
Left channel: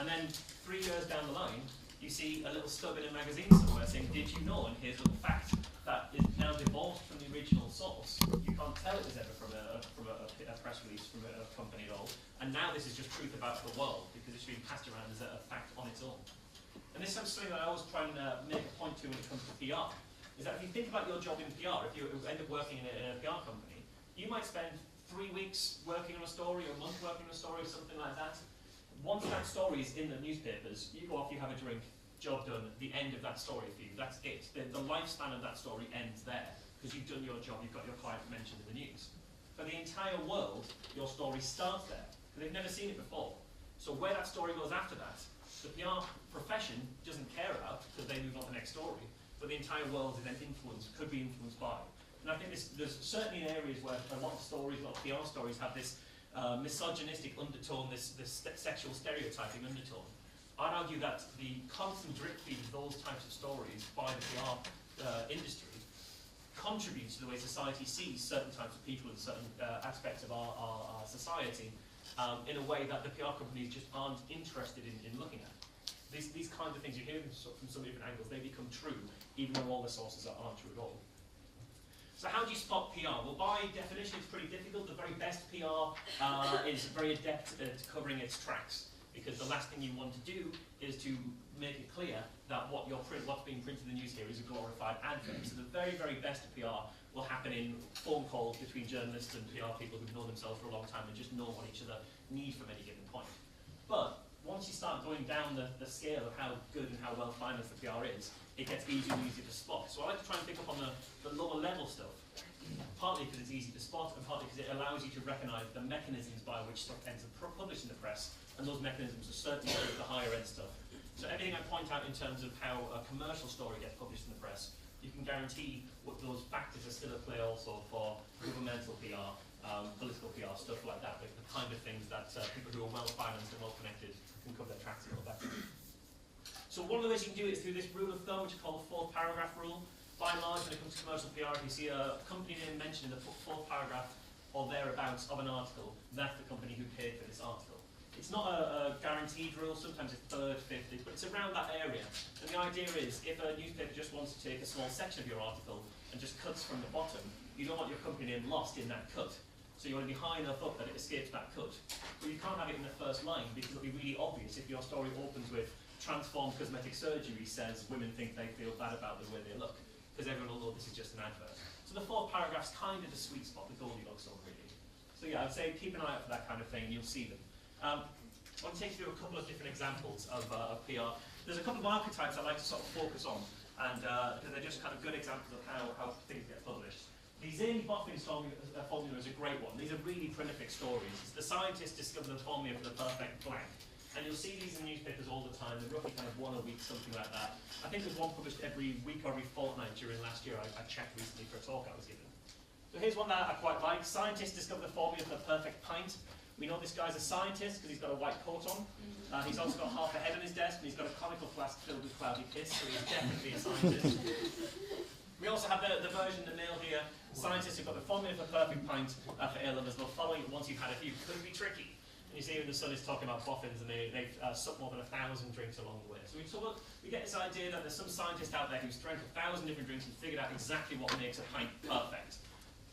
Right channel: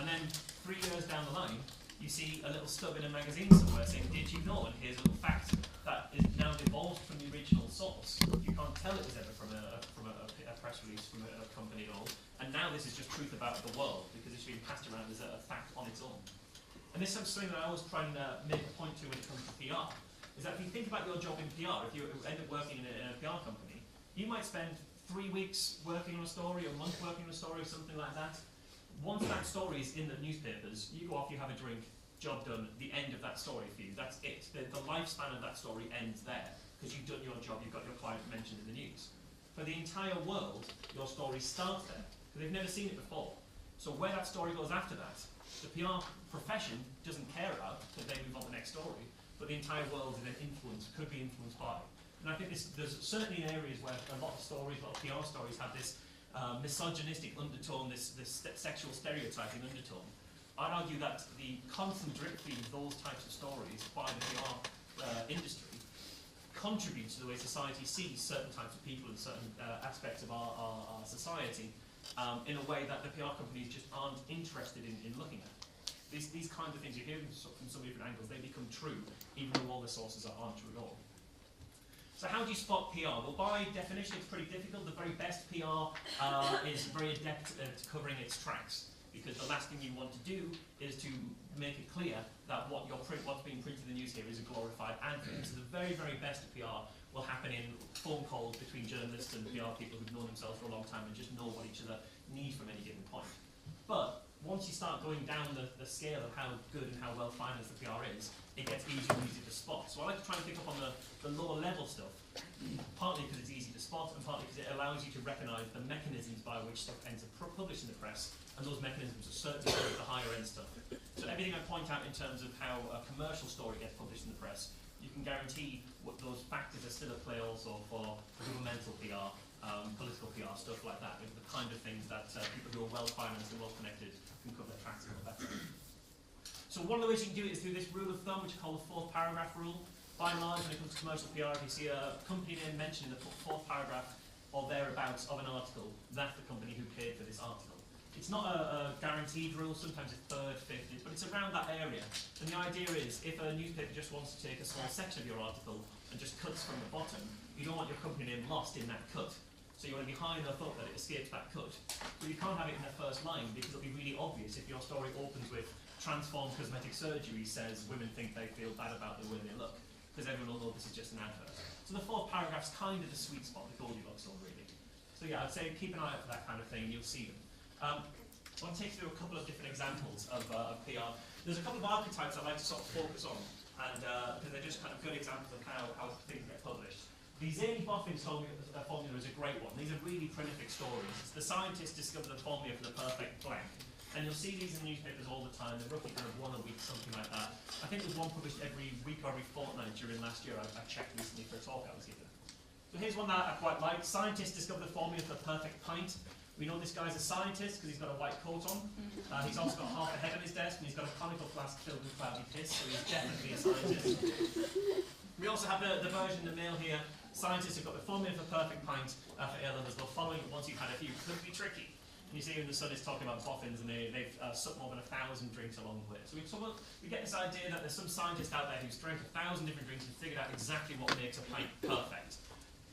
And then 3 years down the line, you see a little stub in a magazine somewhere saying, did you know, and here's a little fact that is now divulged from the original source. You can't tell it was ever from a press release from a company at all. And now this is just truth about the world, because it's being passed around as a fact on its own. And this is something that I always try and make a point to when it comes to PR. Is that if you think about your job in PR, if you end up working in a PR company, you might spend 3 weeks working on a story, or a month working on a story, or something like that. Once that story is in the newspapers, you go off, you have a drink, job done, the end of that story for you, that's it. The lifespan of that story ends there, because you've done your job, you've got your client mentioned in the news. For the entire world, your story starts there, because they've never seen it before. So where that story goes after that, the PR profession doesn't care about, because they move on to the next story. But the entire world is then could be influenced by. And I think there's certainly areas where a lot of stories, a lot of PR stories have this misogynistic undertone, this sexual stereotyping undertone. I'd argue that the constant drip feed of those types of stories by the PR industry contributes to the way society sees certain types of people and certain aspects of our society in a way that the PR companies just aren't interested in looking at. These kinds of things you hear from some different angles, they become true, even though all the sources aren't true at all. So how do you spot PR? Well, by definition, it's pretty difficult. The very best PR is very adept at covering its tracks, because the last thing you want to do is to make it clear that what's being printed in the news here is a glorified advert. So the very, very best of PR will happen in phone calls between journalists and PR people who've known themselves for a long time and just know what each other need from any given point. But once you start going down the scale of how good and how well financed the PR is, it gets easier and easier to spot. So I like to try and pick up on the lower level stuff, partly because it's easy to spot, and partly because it allows you to recognise the mechanisms by which stuff ends up published in the press, and those mechanisms are certainly true of the higher end stuff. So everything I point out in terms of how a commercial story gets published in the press, you can guarantee what those factors are still at play also for governmental PR, political PR, stuff like that, with the kind of things that people who are well financed and well connected can cover their tracks a little better. So one of the ways you can do it is through this rule of thumb, which is called the 4th paragraph rule. By and large, when it comes to commercial PR, if you see a company name mentioned in the 4th paragraph or thereabouts of an article, that's the company who paid for this article. It's not a guaranteed rule, sometimes it's 3rd, 5th, but it's around that area. And the idea is, if a newspaper just wants to take a small section of your article and just cuts from the bottom, you don't want your company name lost in that cut. So you want to be high enough up that it escapes that cut. But you can't have it in the first line, because it'll be really obvious if your story opens with "Transform cosmetic surgery says women think they feel bad about the way they look," because everyone will know this is just an advert. So the 4th paragraph's kind of the sweet spot with Goldilocks zone, really. So yeah, I'd say keep an eye out for that kind of thing, and you'll see them. I want to take you through a couple of different examples of PR. There's a couple of archetypes I'd like to sort of focus on, and because they're just kind of good examples of how things get published. The Zany Boffin formula is a great one. These are really prolific stories. It's the scientists discovered the formula for the perfect blank. And you'll see these in the newspapers all the time. They're roughly kind of one a week, something like that. I think there's one published every week or every fortnight during last year. I checked recently for a talk I was giving. So here's one that I quite like. Scientists discovered the formula for the perfect pint. We know this guy's a scientist because he's got a white coat on. He's also got half a head on his desk, and he's got a conical flask filled with cloudy piss, so he's definitely a scientist. We also have the version in the mail here. Scientists have got the formula for perfect pint for ale, and there's no following it once you've had a few. Could be tricky. And you see in the Sun is talking about boffins, and they've supped more than 1,000 drinks along the way. So we get this idea that there's some scientist out there who's drank 1,000 different drinks and figured out exactly what makes a pint perfect.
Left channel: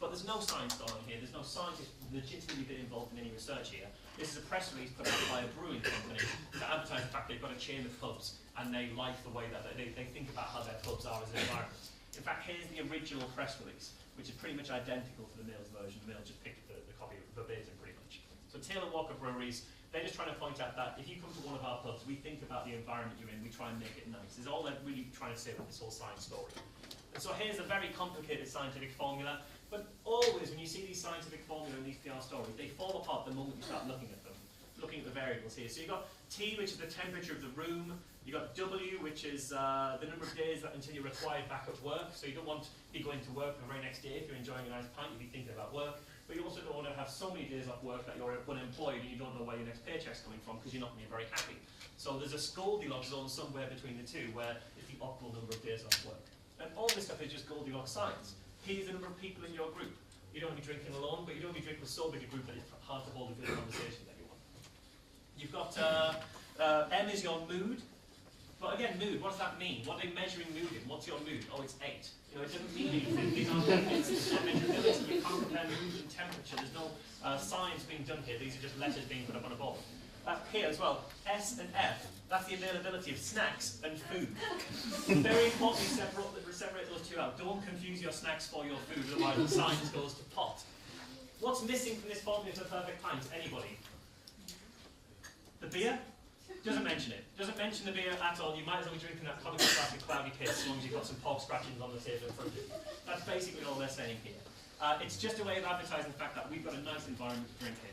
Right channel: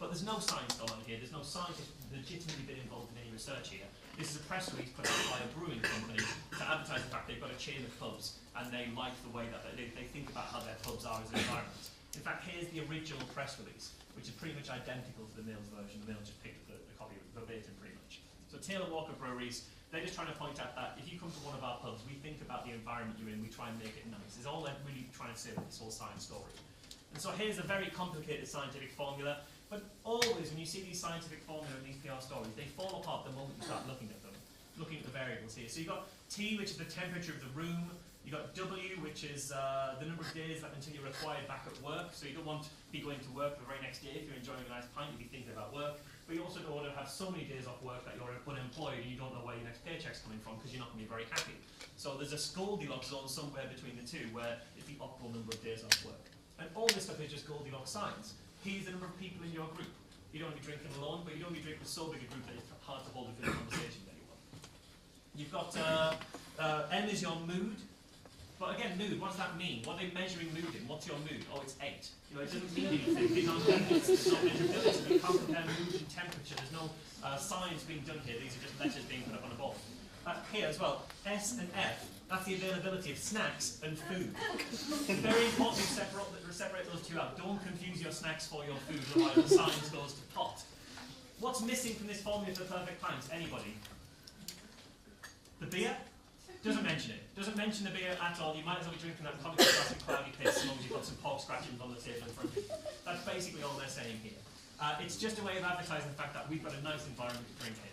But there's no science going on here. There's no scientist legitimately been involved in any research here. This is a press release put out by a brewing company to advertise the fact they've got a chain of pubs and they like the way that they think about how their pubs are as an environment. In fact, here's the original press release, which is pretty much identical to the Mail's version. The Mail just picked the copy verbatim pretty much. So Taylor Walker Breweries, They're just trying to point out that if you come to one of our pubs, we think about the environment you're in, we try and make it nice. It's all they're really trying to say with this whole science story. And so here's a very complicated scientific formula, but always when you see these scientific formulas and these PR stories, they fall apart the moment you start looking at them, looking at the variables here. So you've got T, which is the temperature of the room. You've got W, which is the number of days that until you're required back at work. So you don't want to be going to work the very next day. If you're enjoying a nice pint, you'll be thinking about work. But you also don't want to have so many days off work that you're unemployed and you don't know where your next paycheck's coming from because you're not going to be very happy. So there's a Goldilocks zone somewhere between the two where it's the optimal number of days off work. And all this stuff is just Goldilocks science. Here's the number of people in your group. You don't want to be drinking alone, but you don't want to be drinking with so big a group that it's hard to hold a good conversation with anyone. You've got M is your mood. But again, mood, what does that mean? What are they measuring mood in? What's your mood? Oh, it's 8. You know, it doesn't mean anything. These aren't units. It's not measurability. You can't compare mood and temperature. There's no science being done here. These are just letters being put up on a board. Here as well, S and F, that's the availability of snacks and food. Very important to separate those two out. Don't confuse your snacks for your food, otherwise the science goes to pot. What's missing from this formula for perfect pints? Anybody? The beer? Doesn't mention it. Doesn't mention the beer at all. You might as well be drinking that Coventry Classic cloudy piss as long as you've got some pork scratchings on the table in front of you. That's basically all they're saying here. It's just a way of advertising the fact that we've got a nice environment to drink in.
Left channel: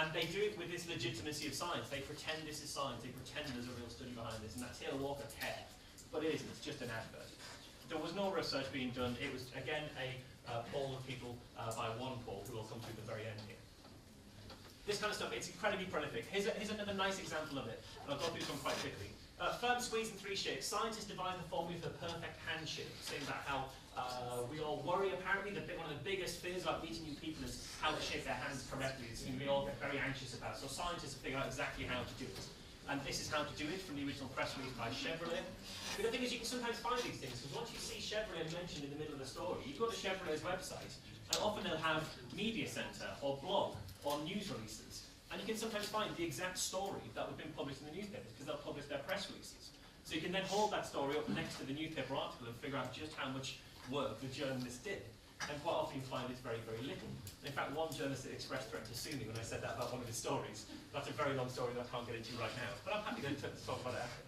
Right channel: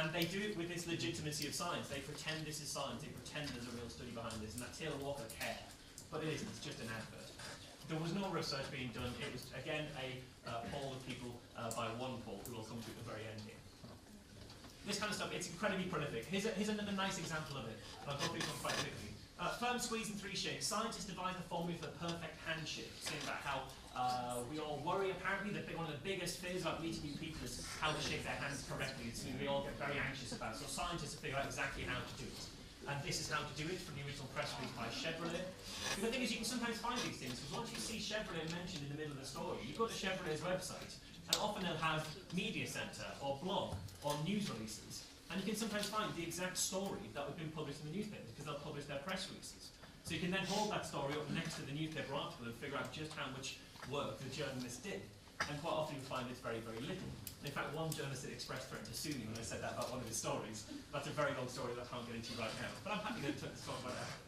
And they do it with this legitimacy of science. They pretend this is science. They pretend there's a real study behind this. And that Taylor Walker care. But it isn't. It's just an advert. There was no research being done. It was, again, a poll of people by one poll who will come to at the very end here. This kind of stuff, it's incredibly prolific. Here's another nice example of it, and I'll go through this one quite quickly. Firm squeeze in 3 shakes. Scientists devised the formula for the perfect handshake, saying about how we all worry, apparently, that one of the biggest fears about meeting new people is how to shake their hands correctly. It's something we all get very anxious about. So scientists have figured out exactly how to do it. And this is how to do it from the original press release by Chevrolet. But the thing is, you can sometimes find these things, because once you see Chevrolet mentioned in the middle of the story, you go to Chevrolet's website, and often they'll have media center, or blog, or news releases. And you can sometimes find the exact story that was been published in the newspapers, because they'll publish their press releases. So you can then hold that story up next to the newspaper article and figure out just how much work the journalist did. And quite often you find it's very, very little. In fact, one journalist at Express threatened to sue me when I said that about one of his stories. That's a very long story that I can't get into right now. But I'm happy to talk about it after.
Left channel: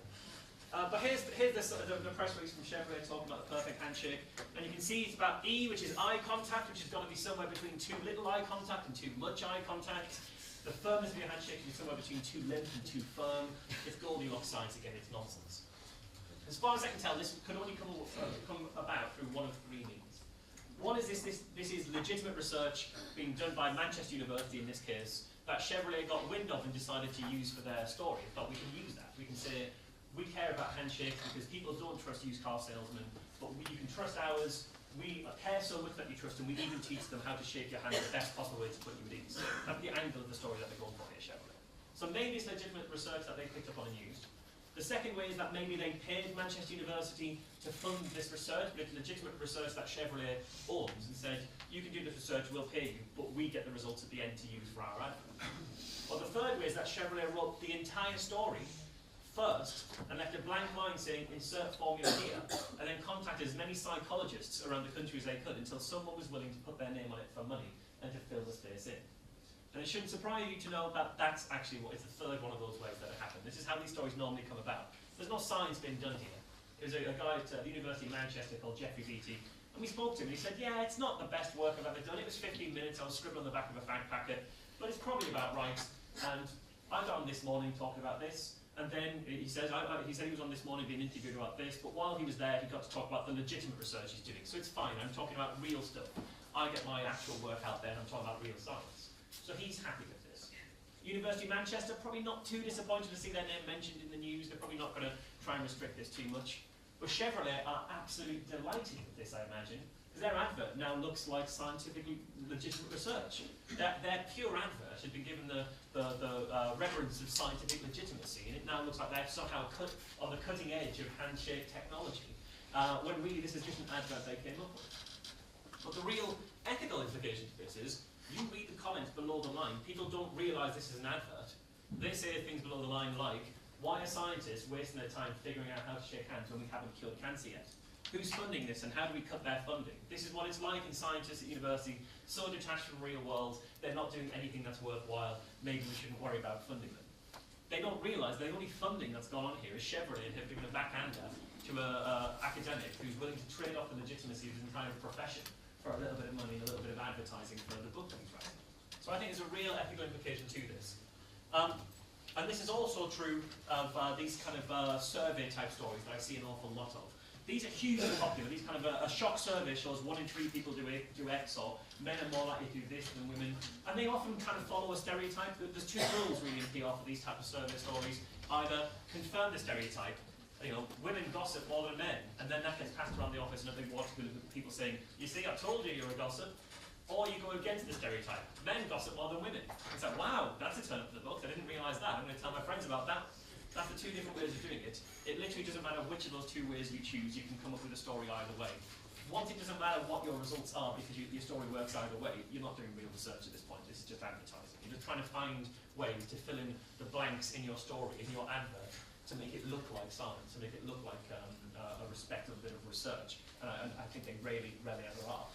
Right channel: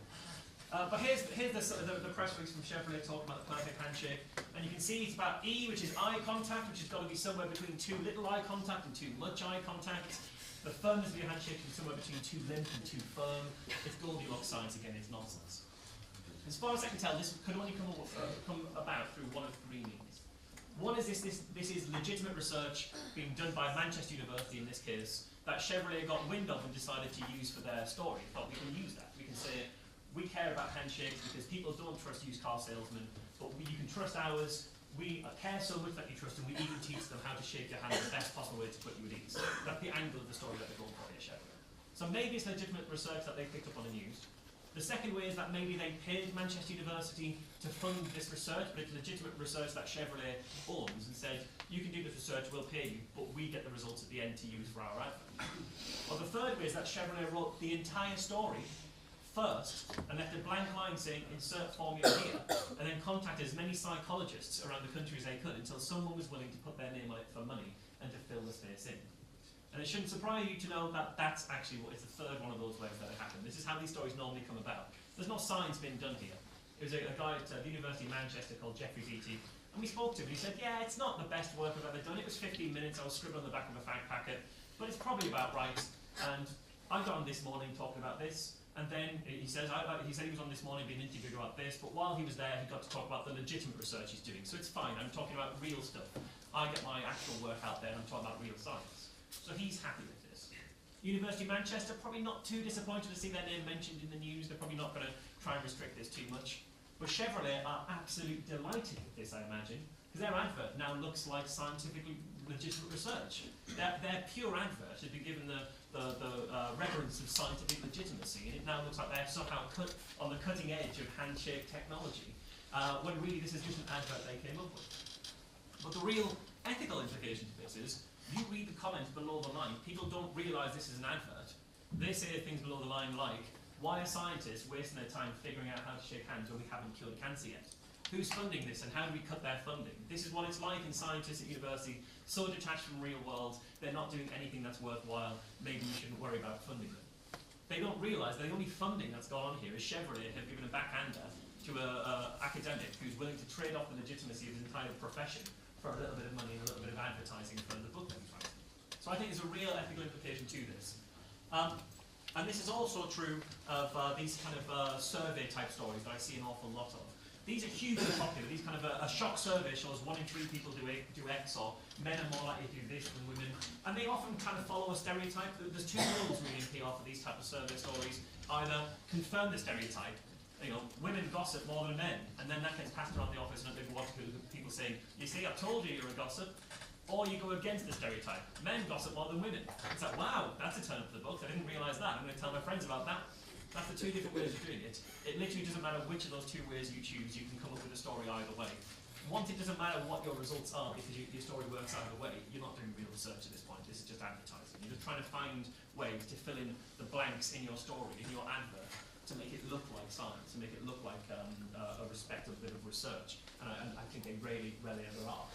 But here's the press release from Chevrolet talking about the perfect handshake. And you can see it's about E, which is eye contact, which has got to be somewhere between too little eye contact and too much eye contact. The firmness of your handshake is somewhere between too limp and too firm. It's Goldilocks science again, it's nonsense. As far as I can tell, this could only come about through one of 3 means. One is this is legitimate research being done by Manchester University in this case, that Chevrolet got wind of and decided to use for their story. But we can use that. We can say, we care about handshakes because people don't trust used car salesmen, but you can trust ours. We care so much that you trust them, we even teach them how to shake your hand the best possible way to put you at ease. That's the angle of the story that they're going for here, Chevrolet. So maybe it's legitimate research that they picked up on and used. The second way is that maybe they paid Manchester University to fund this research, but it's legitimate research that Chevrolet owns and said, you can do this research, we'll pay you, but we get the results at the end to use for our advert. Or the third way is that Chevrolet wrote the entire story first and left a blank line saying insert formula here, and then contacted as many psychologists around the country as they could until someone was willing to put their name on it for money and to fill the space in. And it shouldn't surprise you to know that that's actually what is the third one of those ways that it happened. This is how these stories normally come about. There's no science being done here. There was a guy at the University of Manchester called Jeffrey Beattie, and we spoke to him and he said, yeah, it's not the best work I've ever done. It was 15 minutes, I was scribbling on the back of a fag packet, but it's probably about right. And I got on this morning talking about this. And then he said he was on this morning being interviewed about this, but while he was there, he got to talk about the legitimate research he's doing. So it's fine, I'm talking about real stuff. I get my actual work out there and I'm talking about real science. So he's happy with this. University of Manchester, probably not too disappointed to see their name mentioned in the news. They're probably not going to try and restrict this too much. But Chevrolet are absolutely delighted with this, I imagine, because their advert now looks like scientifically legitimate research. Their pure advert had been given the reverence of scientific legitimacy, and it now looks like they're somehow on the cutting edge of handshake technology, when really this is just an advert they came up with. But the real ethical implication to this is, you read the comments below the line, people don't realise this is an advert. They say things below the line like, why are scientists wasting their time figuring out how to shake hands when we haven't cured cancer yet? Who's funding this and how do we cut their funding? This is what it's like in scientists at university, so detached from the real world, they're not doing anything that's worthwhile, maybe we shouldn't worry about funding them. they don't realise the only funding that's gone on here is Chevrolet have given a backhander to an academic who's willing to trade off the legitimacy of his entire profession for a little bit of money and a little bit of advertising for the book that he's writing. So I think there's a real ethical implication to this. And this is also true of these kind of survey type stories that I see an awful lot of. These are hugely popular. These kind of a shock survey shows 1 in 3 people do X, or men are more likely to do this than women. And they often kind of follow a stereotype. There's 2 rules really in PR for these type of survey stories. Either confirm the stereotype, you know, women gossip more than men, and then that gets passed around the office in a big water cooler with people saying, you see, I told you you're a gossip. Or you go against the stereotype. Men gossip more than women. It's like, wow, that's a turn for the books. I didn't realise that. I'm going to tell my friends about that. That's the 2 different ways of doing it. It literally doesn't matter which of those 2 ways you choose. You can come up with a story either way. Once it doesn't matter what your results are because your story works either way, you're not doing real research at this point. This is just advertising. You're just trying to find ways to fill in the blanks in your story, in your advert, to make it look like science, to make it look like a respectable bit of research. And I think they rarely ever are.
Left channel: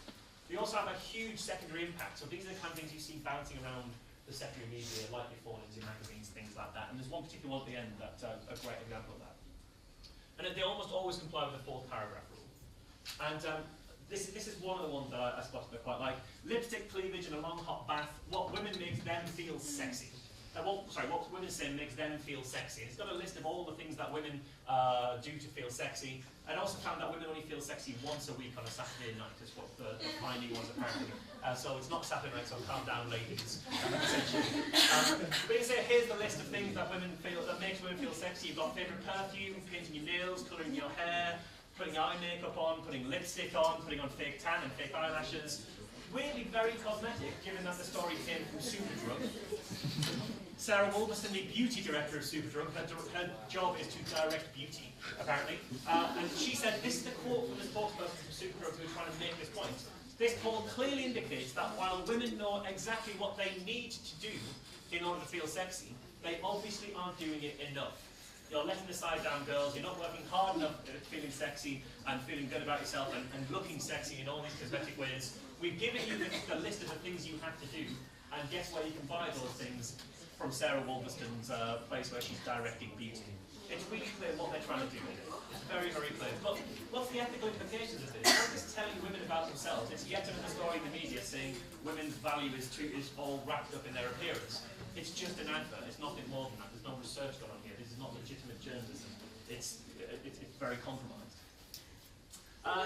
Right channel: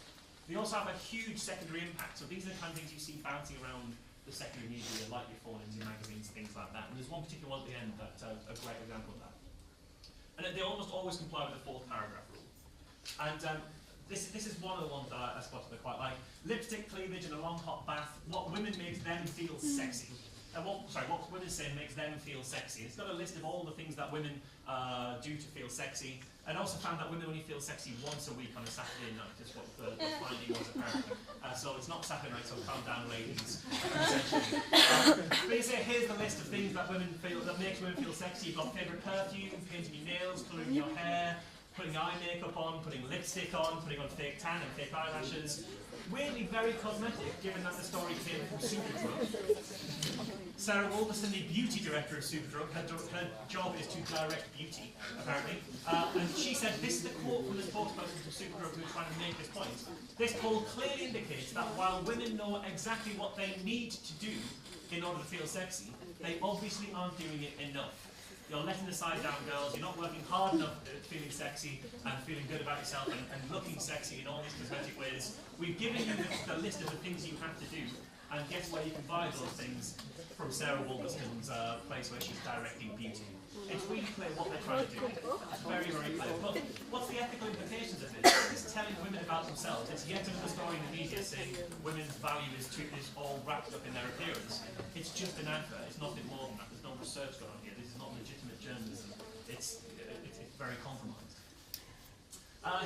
They also have a huge secondary impact. So these are the kind of things you see bouncing around the secondary media, like your phones, your magazines, things like that. And there's one particular one at the end that's a great example of that. And they almost always comply with the 4th paragraph rule. And this is one of the ones that I spotted that I quite like. Lipstick, cleavage, and a long hot bath. What women makes them feel sexy. What women say makes them feel sexy. It's got a list of all the things that women do to feel sexy. I also found that women only feel sexy once a week on a Saturday night, is what the finding was apparently. So it's not Saturday night, so calm down, ladies. Essentially. But you say, here's the list of things that makes women feel sexy. You've got favourite perfume, painting your nails, colouring your hair, putting eye makeup on, putting lipstick on, putting on fake tan and fake eyelashes. Weirdly very cosmetic, given that the story came from Superdrug. Sarah Wolverston, the beauty director of Superdrug, her job is to direct beauty, apparently. And she said, this is the quote from the spokesperson of Superdrug who is trying to make this point. This poll clearly indicates that while women know exactly what they need to do in order to feel sexy, they obviously aren't doing it enough. You're letting the side down, girls. You're not working hard enough at feeling sexy and feeling good about yourself and looking sexy in all these cosmetic ways. We've given you the list of the things you have to do, and guess where you can buy those things? From Sarah Wolverston's place where she's directing beauty. It's really clear what they're trying to do here. It's very, very clear. But what's the ethical implications of this? It's telling women about themselves. It's yet another story in the media saying women's value is all wrapped up in their appearance. It's just an advert. It's nothing more than that. There's no research going on here. This is not legitimate journalism. It's very compromised.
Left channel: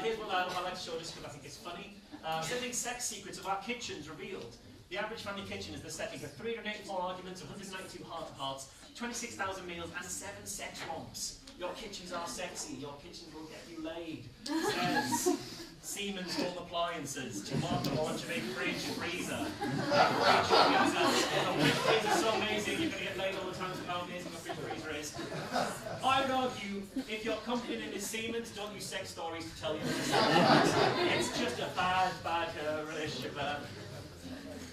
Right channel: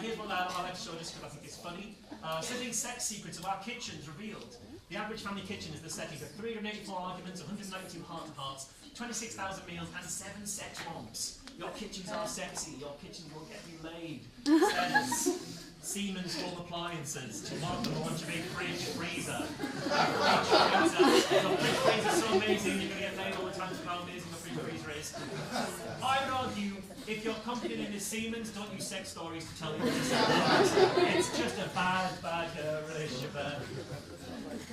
Here's one that I like to show just because I think it's funny. Sending sex secrets of our kitchens revealed. The average family kitchen is the setting for 384 arguments, 192 heart-to-hearts, 26,000 meals, and 7 sex romps. Your kitchens are sexy. Your kitchen will get you laid. Says Siemens Home Appliances to mark the launch of a fridge freezer. The fridge freezer is so amazing, you're going to get laid all the time with how amazing the fridge freezer is. I would argue, if your company name is Siemens, don't use sex stories to tell you what it's just a bad relationship.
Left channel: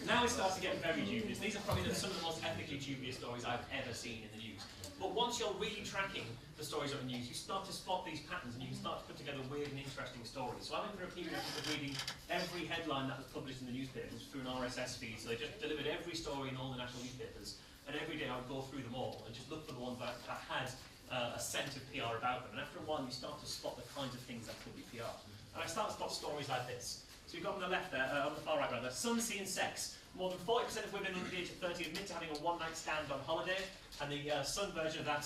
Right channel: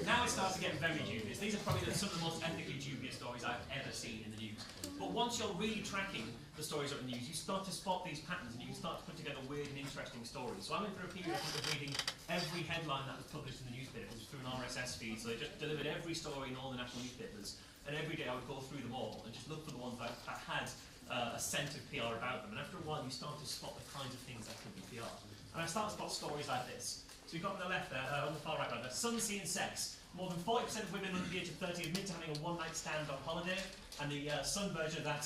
Now it starts to get very dubious. These are probably some of the most ethically dubious stories I've ever seen in the news. But once you're really tracking the stories of the news, you start to spot these patterns and you can start to put together weird and interesting stories. So I went through a period of reading every headline that was published in the newspapers through an RSS feed. So they just delivered every story in all the national newspapers. And every day I would go through them all and just look for the ones that had a scent of PR about them. And after a while you start to spot the kinds of things that could be PR. And I start to spot stories like this. So you've got on the left there, on the far right rather, Sun, Sea and Sex. More than 40% of women under the age of 30 admit to having a one-night stand on holiday. And the Sun version of that,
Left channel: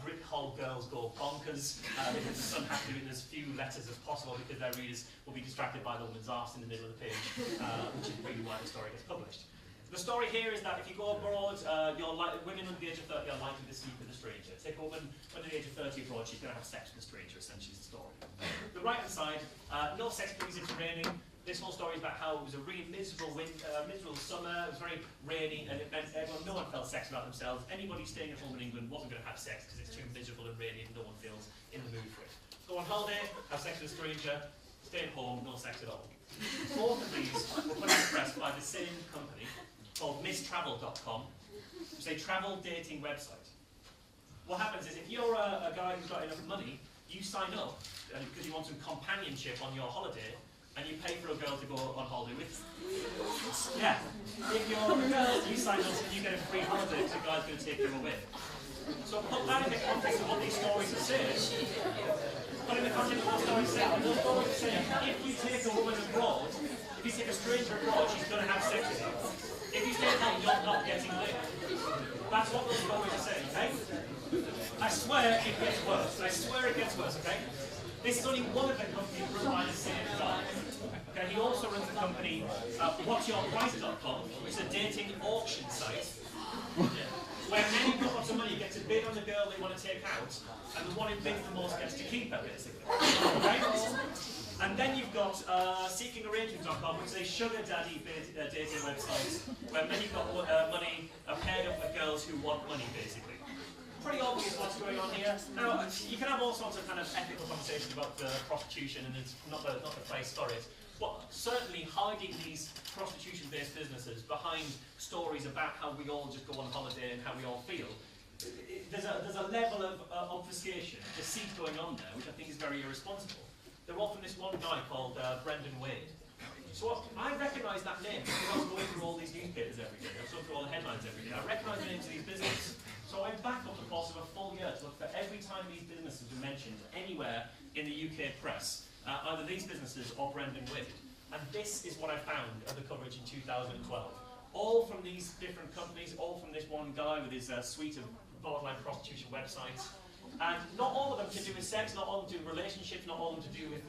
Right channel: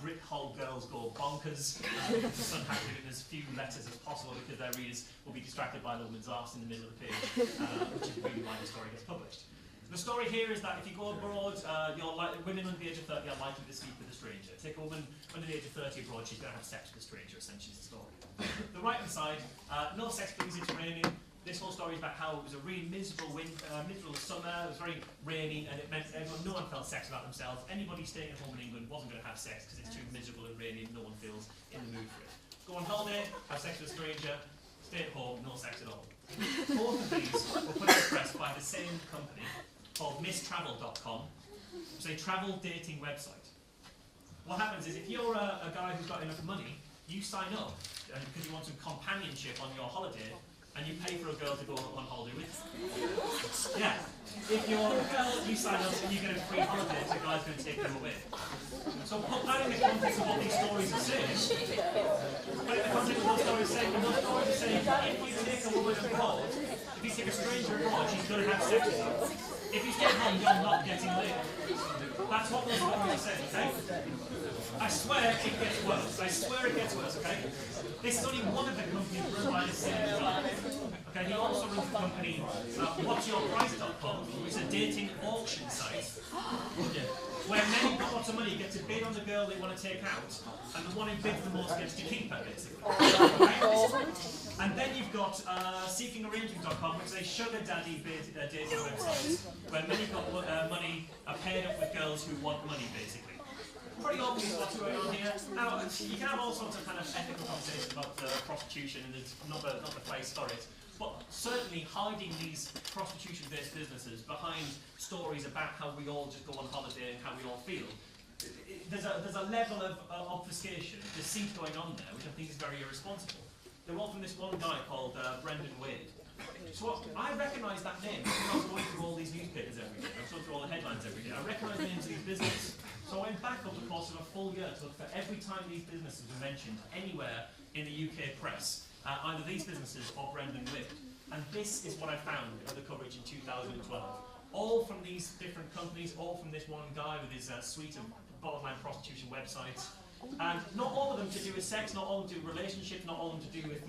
Brick Hole Girls Go Bonkers. Because the Sun had to do it in as few letters as possible because their readers will be distracted by the woman's arse in the middle of the page, which is really why the story gets published. The story here is that if you go abroad, women under the age of 30 are likely to sleep with a stranger. Take a woman under the age of 30 abroad, she's going to have sex with a stranger, essentially is the story. The right-hand side, no sex please, it's raining. This whole story is about how it was a really miserable summer, it was very rainy, and it meant no one felt sex about themselves. Anybody staying at home in England wasn't going to have sex because it's too miserable and rainy and no one feels in the mood for it. Go on holiday, have sex with a stranger, stay at home, no sex at all. Both of these were put in the press by the same company called misstravel.com, which is a travel dating website. What happens is if you're a guy who's got enough money, you sign up because you want some companionship on your holiday, and you pay for a girl to go on holiday with. Yeah. If you're a girl, you sign up and you get a free holiday, so a guy's going to take you away. So put that in the context of what these stories are saying. Put in the context of what those stories are saying. And those stories are saying, if you take a woman abroad, if you take a stranger abroad, she's going to have sex with you. If you stay home, you're not getting laid. That's what those stories are saying, okay? I swear it gets worse. I swear it gets worse, okay? This is only one of the companies run by the same guy. Okay, he also runs the company whatsyourprice.com, which is a dating auction site, where men who've got lots of money get to bid on the girl they want to take out, and the one who bids the most gets to keep her, basically. Okay? And then you've got seekingarrangement.com, which is a sugar daddy dating website, where men who've got money are paired up with girls who want money, basically. Pretty obvious what's going on here. Now, you can have all sorts of kind of ethical conversations about prostitution, and it's not the place for it. But certainly hiding these prostitution-based businesses behind stories about how we all just go on holiday and how we all feel, there's a level of obfuscation, deceit going on there, which I think is very irresponsible. They're all from this one guy called Brendan Wade. So I recognise that name because I'm going through all these newspapers every day. I'm going through all the headlines every day. I recognise the names of these businesses. So I went back over the course of a full year to look for every time these businesses were mentioned anywhere in the UK press, either these businesses or Brendan Wade. And this is what I found of the coverage in 2012. All from these different companies, all from this one guy with his suite of borderline prostitution websites. And not all of them to do with sex, not all of them to do with relationships, not all of them to do with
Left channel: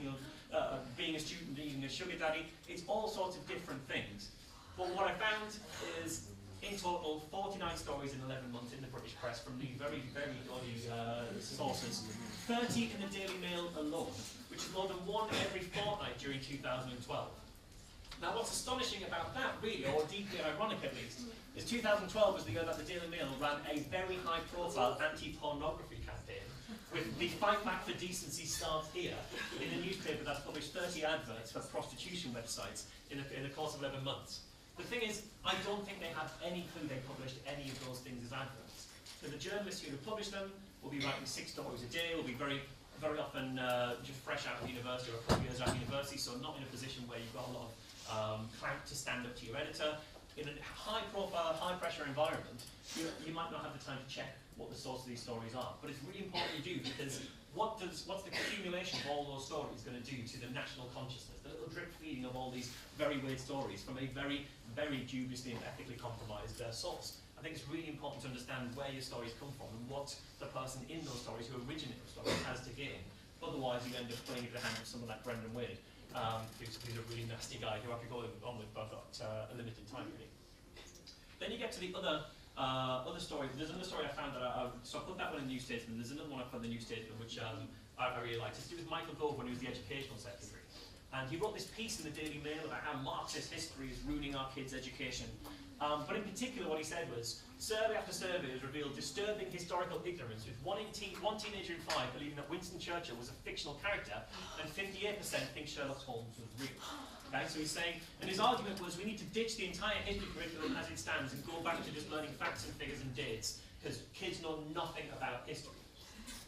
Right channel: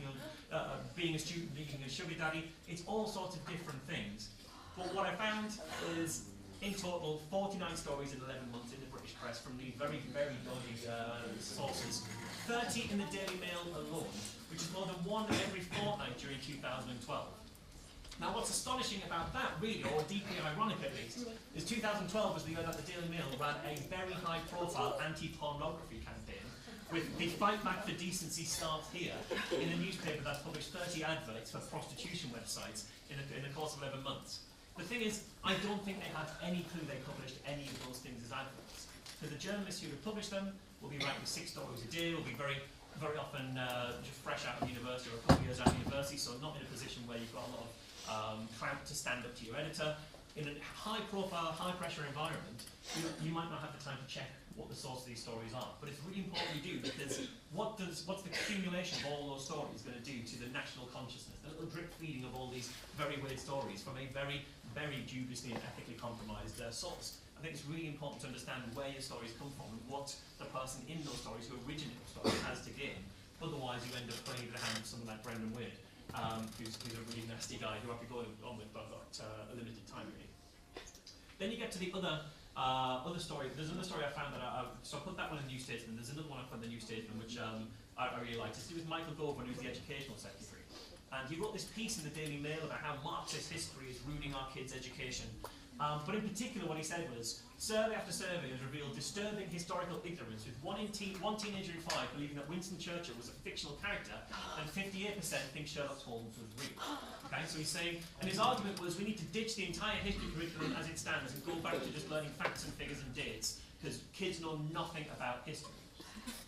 being a student, being a sugar daddy. It's all sorts of different things. But what I found is, in total, 49 stories in 11 months in the British press from these very, very dodgy sources. 30 in the Daily Mail alone, which is more than one every fortnight during 2012. Now what's astonishing about that, really, or deeply ironic at least, is 2012 was the year that the Daily Mail ran a very high-profile anti-pornography campaign with the Fight Back for Decency Start Here in a newspaper that published 30 adverts for prostitution websites in the course of 11 months. The thing is, I don't think they have any clue they published any of those things as adverts. So the journalists who have published them will be writing 6 stories a day, will be very often just fresh out of university or a couple of years out of university, so not in a position where you've got a lot of clout to stand up to your editor. In a high-profile, high-pressure environment, you might not have the time to check what the source of these stories are. But it's really important you do, because what's the accumulation of all those stories going to do to the national consciousness? The little drip feeding of all these very weird stories from a very, very dubiously and ethically compromised source. I think it's really important to understand where your stories come from and what the person in those stories who originated those stories has to gain. Otherwise, you end up playing into the hand of someone like Brendan Wade, who's a really nasty guy who I could go on with, but I've got a limited time really. Then you get to the other story. There's another story I found that so I put that one in the New Statesman. There's another one I put in the New Statesman which I really liked. It's to do with Michael Gove when he was the Educational Secretary. And he wrote this piece in the Daily Mail about how Marxist history is ruining our kids' education. But in particular what he said was, survey after survey has revealed disturbing historical ignorance, with one teenager in 5 believing that Winston Churchill was a fictional character, and 58% think Sherlock Holmes was real. Okay, so he's saying, and his argument was we need to ditch the entire history curriculum as it stands and go back to just learning facts and figures and dates, because kids know nothing about history.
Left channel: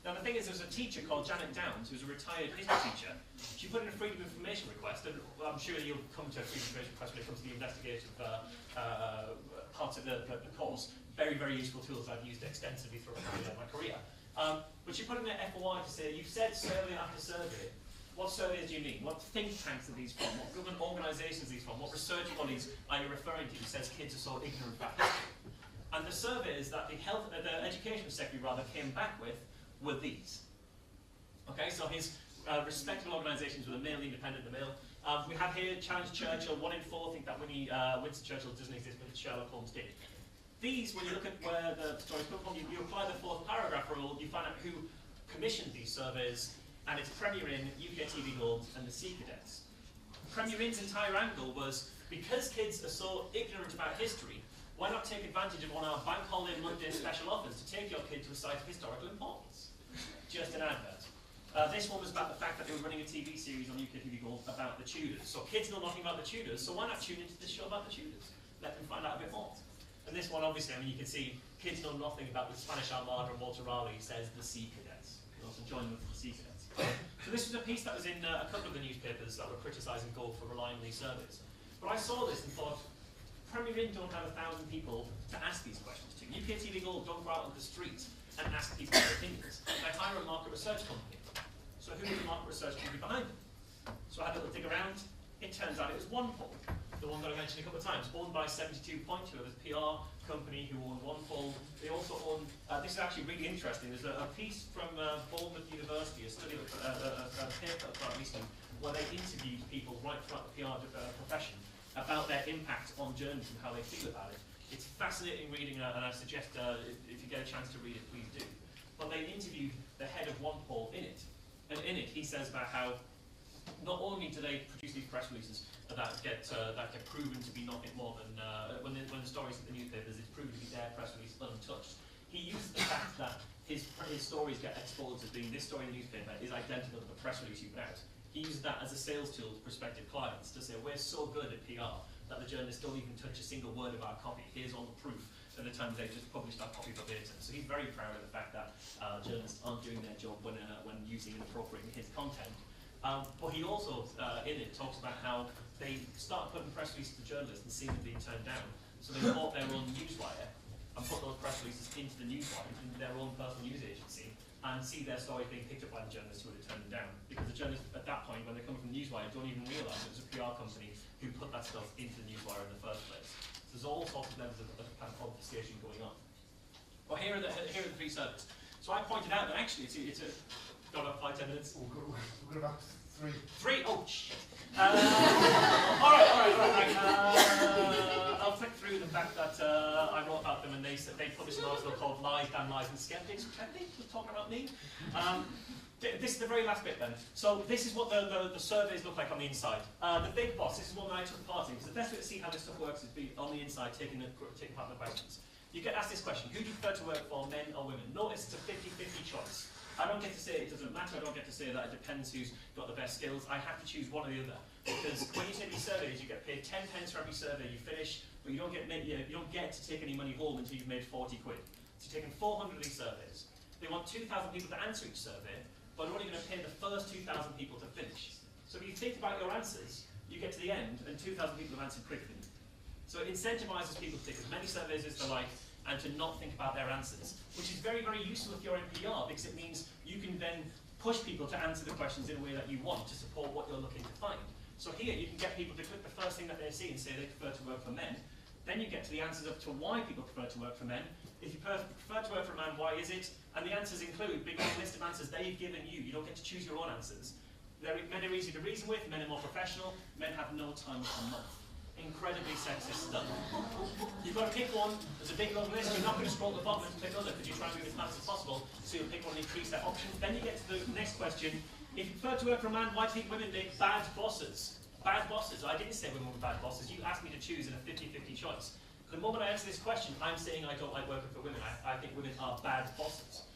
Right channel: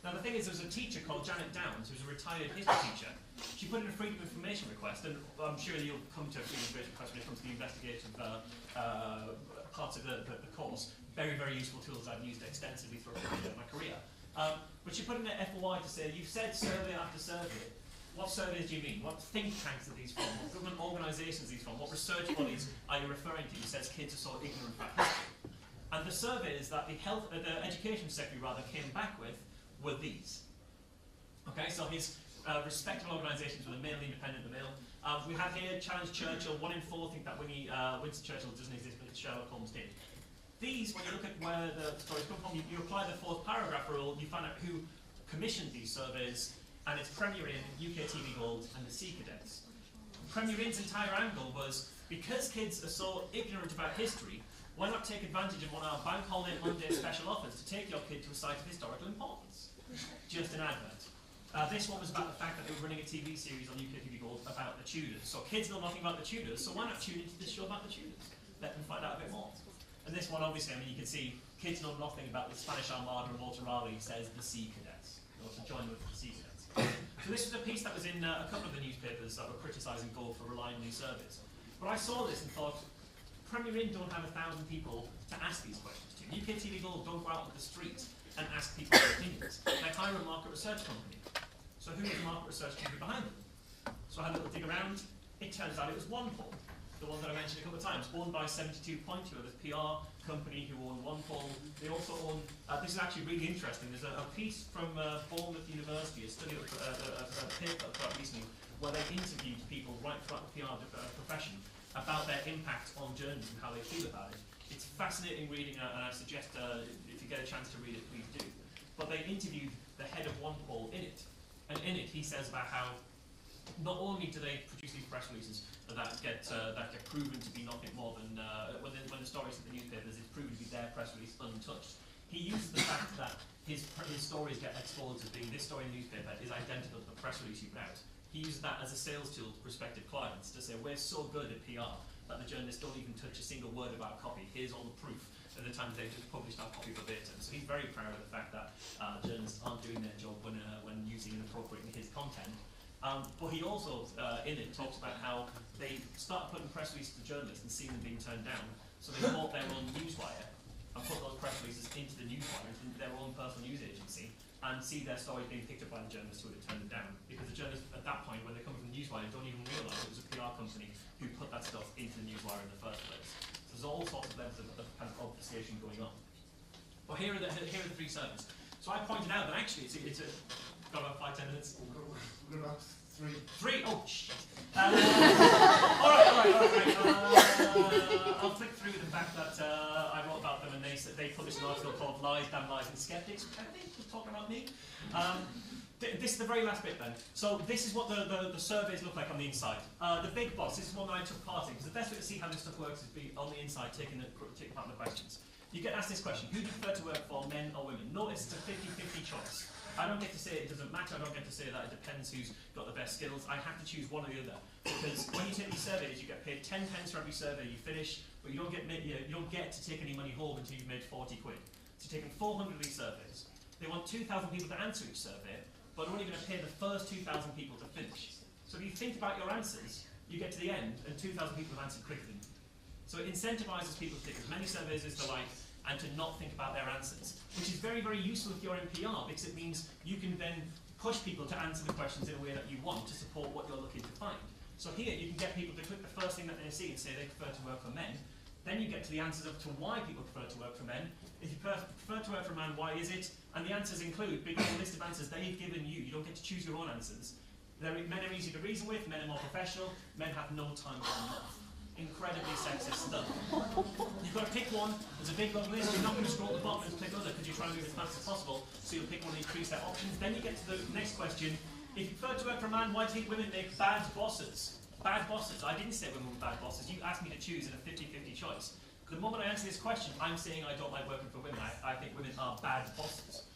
Now the thing is, there's a teacher called Janet Downs, who's a retired history teacher. She put in a Freedom of Information request, and I'm sure you'll come to a Freedom of Information request when it comes to the investigative parts of the course. Very, very useful tools I've used extensively throughout my career. But she put in an FOI to say, you've said survey after survey. What surveys do you mean? What think tanks are these from? What government organisations are these from? What research bodies are you referring to? He says kids are so ignorant about history. And the surveys that the Education Secretary came back with were these. Okay, so his respectable organisations were the Mail, the Independent, the Mail. We have here Challenge Churchill. 1 in 4 think that Winston Churchill doesn't exist, but Sherlock Holmes did. These, when you look at where the stories come from, you apply the 4th paragraph rule, you find out who commissioned these surveys, and it's Premier Inn, UK TV Gold, and the Sea Cadets. Premier Inn's entire angle was, because kids are so ignorant about history, why not take advantage of one of our Bank Holiday Monday special offers to take your kid to a site of historical importance? Just an advert. This one was about the fact that they were running a TV series on UK TV Gold about the Tudors. So kids know nothing about the Tudors, so why not tune into this show about the Tudors? Let them find out a bit more. And this one, obviously, I mean, you can see kids know nothing about the Spanish Armada, and Walter Raleigh says the Sea Cadets. You also join with the Sea Cadets. So this was a piece that was in a couple of the newspapers that were criticising Gove for relying on these surveys. But I saw this and thought, Premier Inn don't have 1,000 people to ask these questions to. UK TV Gold don't go out on the street and ask people their opinions. They hire a market research company. So who is the market research company behind them? So I had a little dig around. It turns out it was OnePoll, the one that I mentioned a couple of times, owned by 72 Pointer, this PR company who own OnePoll. They also own, this is actually really interesting, there's a piece from Bournemouth University, a study, a paper recently, where they interviewed people right throughout the PR profession about their impact on journalism and how they feel about it. It's fascinating reading, and I suggest if you get a chance to read it, please do. But they interviewed the head of OnePoll in it. And in it, he says about how not only do they produce these press releases that get proven to be nothing more than when the stories hit the newspapers, it's proven to be their press release untouched. He uses the fact that his stories get exposed as being this story in the newspaper is identical to the press release you put out. He uses that as a sales tool to prospective clients to say we're so good at PR that the journalists don't even touch a single word of our copy. Here's all the proof at the time they just published our copy verbatim. So he's very proud of the fact that journalists aren't doing their job when using and appropriating his content. But he also, in it, talks about how they started putting press releases to journalists and seeing them being turned down. So they bought their own newswire and put those press releases into the newswire, into their own personal news agency, and see their stories being picked up by the journalists who would have turned them down. Because the journalists, at that point, when they come from the newswire, don't even realise it was a PR company who put that stuff into the newswire in the first place. So there's all sorts of levels of kind of obfuscation going on. But here are the three surveys. So I pointed out that actually it's got about 5-10 minutes. We've got about three. Three? Oh, shit. All right. I'll flick through the fact that I wrote about them and they published an article called Lies, Damn Lies and Skeptics, which I think was talking about me. This is the very last bit then. So this is what the surveys look like on the inside. The big boss, this is one that I took part in, because the best way to see how this stuff works is be on the inside taking part in the questions. You get asked this question: who do you prefer to work for, men or women? Notice it's a 50-50 choice. I don't get to say it doesn't matter, I don't get to say that it depends who's got the best skills. I have to choose one or the other. Because when you take these surveys, you get paid 10 pence for every survey you finish, but you don't get to take any money home until you've made 40 quid. So you're taking 400 of these surveys. They want 2,000 people to answer each survey, but are only going to pay the first 2,000 people to finish. So if you think about your answers, you get to the end, and 2,000 people have answered quickly. So it incentivizes people to take as many surveys as they like, and to not think about their answers, which is very, very useful if you're in PR, because it means you can then push people to answer the questions in a way that you want to support what you're looking to find. So here you can get people to click the first thing that they see and say they prefer to work for men. Then you get to the answers up to why people prefer to work for men. If you prefer to work for a man, why is it? And the answers include, because the list of answers they've given you, you don't get to choose your own answers. Men are easy to reason with, men are more professional, men have no time for enough. Incredibly sexist stuff. You've got to pick one. There's a big long list. You're not going to scroll to the bottom and click other because you're trying to move as fast as possible. So you'll pick one and increase that option. Then you get to the next question. If you prefer to work for a man, why do you think women make bad bosses? Bad bosses. I didn't say women were bad bosses. You asked me to choose in a 50-50 choice. The moment I answer this question, I'm saying I don't like working for women. I think women are bad bosses.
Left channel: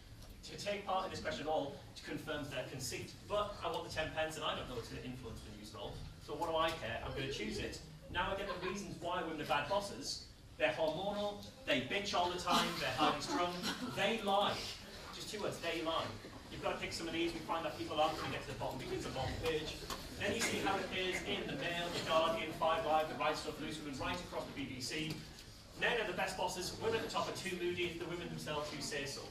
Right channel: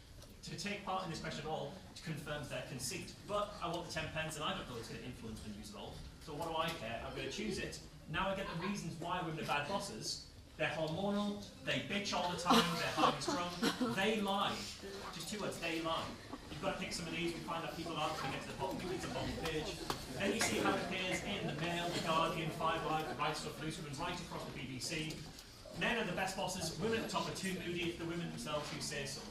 To take part in this question at all confirms their conceit. But I want the 10 pence and I don't know it's going to influence the news at all. So what do I care? I'm going to choose it. Now I get the reasons why women are bad bosses. They're hormonal, they bitch all the time, they're highly strung, they lie. Just 2 words, they lie. You've got to pick some of these. We find that people aren't going to get to the bottom because it's a long page. Then you see how it appears in the Mail, the Guardian, 5 Live, the Right Stuff, Loose Women, right across the BBC. Men are the best bosses, women at the top are too moody, it's the women themselves who say so.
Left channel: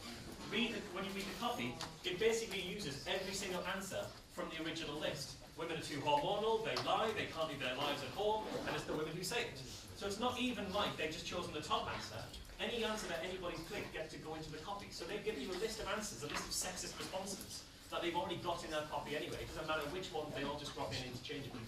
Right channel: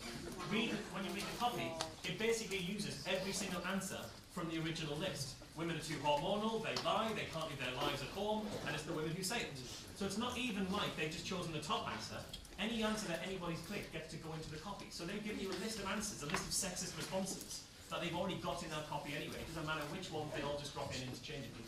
When you read the copy, it basically uses every single answer from the original list. Women are too hormonal, they lie, they can't live their lives at home, and it's the women who say it. So it's not even like they've just chosen the top answer. Any answer that anybody's clicked gets to go into the copy. So they've given you a list of answers, a list of sexist responses that they've already got in their copy anyway. It doesn't matter which one, they all just drop in interchangeably.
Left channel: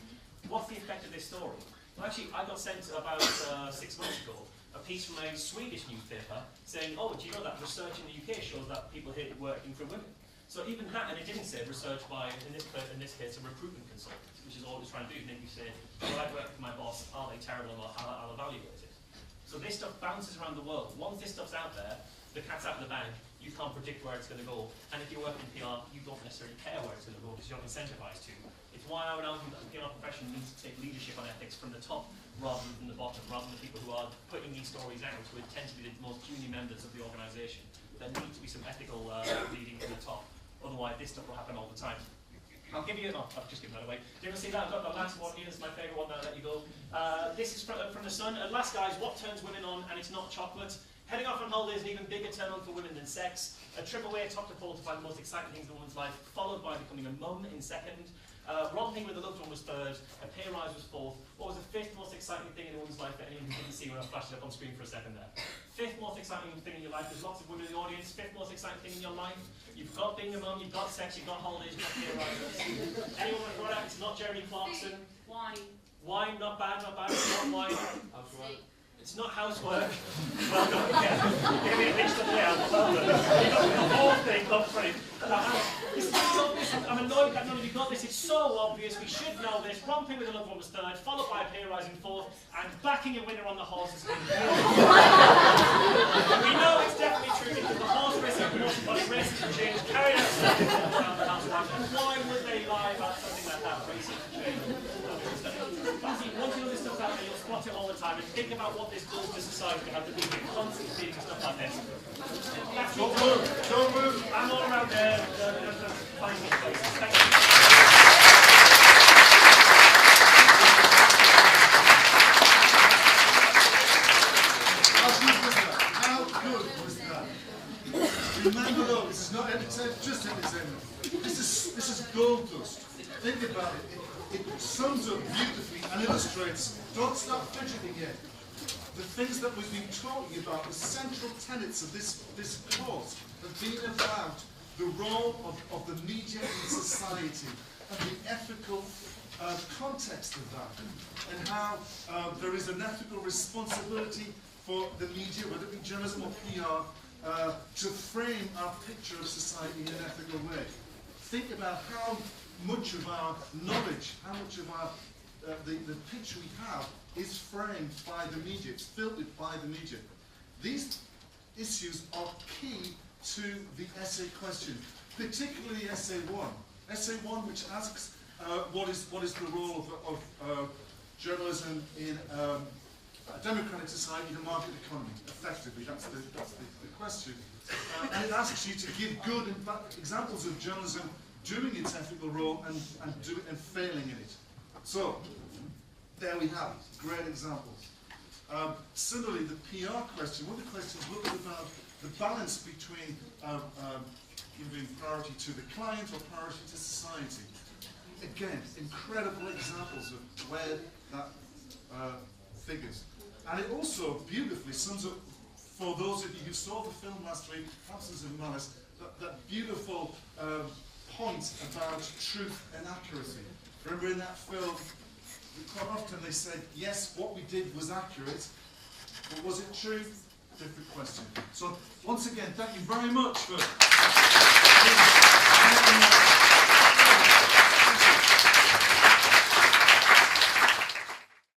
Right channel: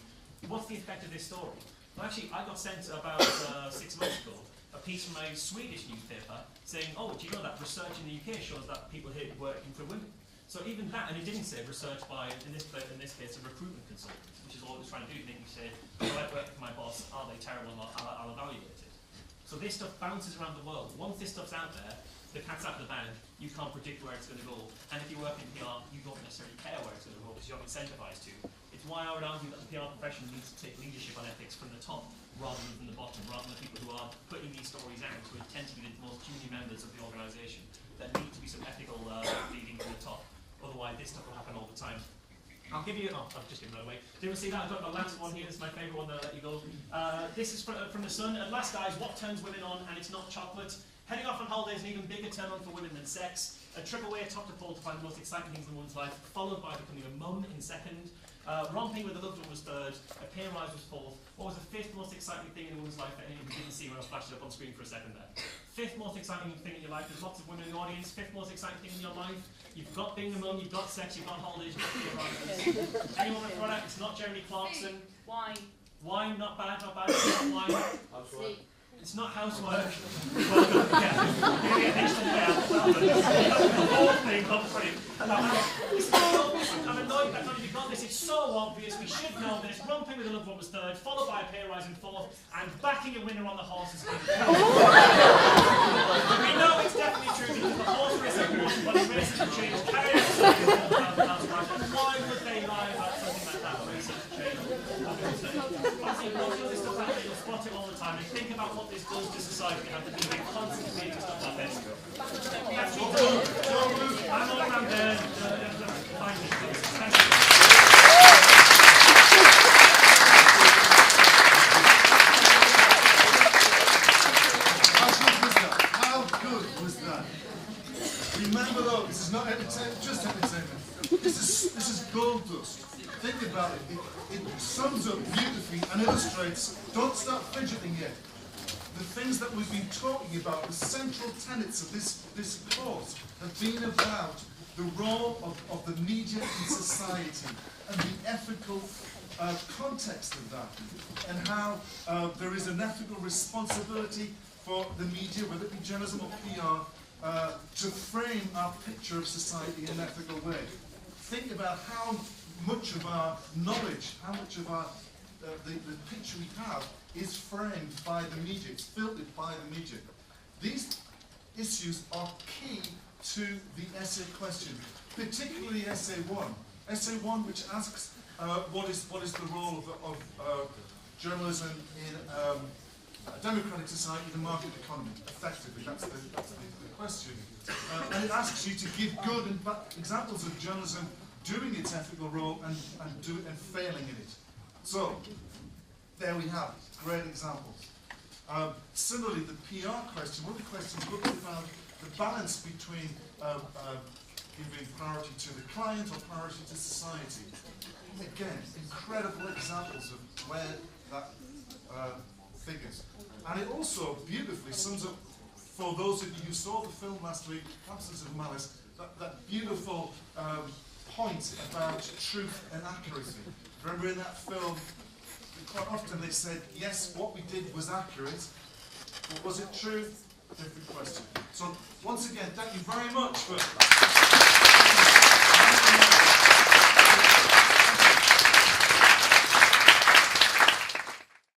What's the effect of this story? Well, actually, I got sent about 6 months ago a piece from a Swedish newspaper saying, oh, do you know that research in the UK shows that people hate working for women? So even that, and it didn't say research by, in this case, a recruitment consultant, which is all it was trying to do, make you say, well, I work for my boss, are they terrible or not? I'll evaluate it. So this stuff bounces around the world. Once this stuff's out there, the cat's out of the bag, you can't predict where it's going to go. And if you work in PR, you don't necessarily care where it's going to go because you're not incentivized to. It's why I would argue that the PR profession needs to take leadership on ethics from the top rather than the bottom, rather than the people who are putting these stories out, who tend to be the most junior members of the organisation. There needs to be some ethical leading from the top. Otherwise, this stuff will happen all the time. I'll give you, I've just given that away. Do you ever see that? I've got my last one here. This is my favourite one, then I'll let you go. This is from The Sun. At last, guys, what turns women on, and it's not chocolate. Heading off on holiday is an even bigger turn on for women than sex. A trip away atop the pole to find the most exciting things in one's life, followed by becoming a mum in second. Romping with a loved one was third. A pay rise was fourth. What was the fifth most exciting thing in a woman's life that anyone who didn't see when I flashed it up on screen for a second there? Fifth most exciting thing in your life. There's lots of women in the audience. Fifth most exciting thing in your life. You've got being a mum, you've got sex, you've got holidays, you've got pay rises. Anyone want to throw it out? It's not Jeremy Clarkson. Wine. Wine, not bad, not bad. It's not wine. It's not housework. Well, yeah, maybe it needs to play out well, but the whole thing up for it. It's so obvious. I'm annoyed that none of you got this. It's so obvious. We should know this. Romping with a loved one was third, followed by a pay rise in fourth, and backing a winner on the horse is fifth. We know it's definitely true because the horse racing promotion body races have changed. Carry out why would they lie about something like that? Racing have changed. Once you know this stuff out there, you'll spot it all the time. And think about what this does to society to have the people constantly feeding stuff like this. Don't move. I'm all around there. Finding places. Thank you. How good was that? Remember though, this is not just entertainment. This is gold dust. Think about it. It sums up beautifully and illustrates. Don't start fidgeting yet. The things that we've been talking about, the central tenets of this course, have been about the role of the media in society and the ethical context of that, and how there is an ethical responsibility for the media, whether it be journalism or PR, to frame our picture of society in an ethical way. Think about how much of our knowledge, how much of our the picture we have is framed by the media, it's filtered by the media. These issues are key to the essay question, particularly essay 1. Essay 1, which asks what is the role of journalism in a democratic society, in a market economy, effectively. That's the question. And it asks you to give good and bad examples of journalism doing its ethical role and failing in it. So, there we have it. Great examples. Similarly, the PR question, one of the questions looked about the balance between giving priority to the client or priority to society. Again, incredible examples of where that figures. And it also beautifully sums up, for those of you who saw the film last week, Absence of Malice, that beautiful point about truth and accuracy. Remember in that film, quite often they said, yes, what we did was accurate, but was it true? Different question. So, once again, thank you very much for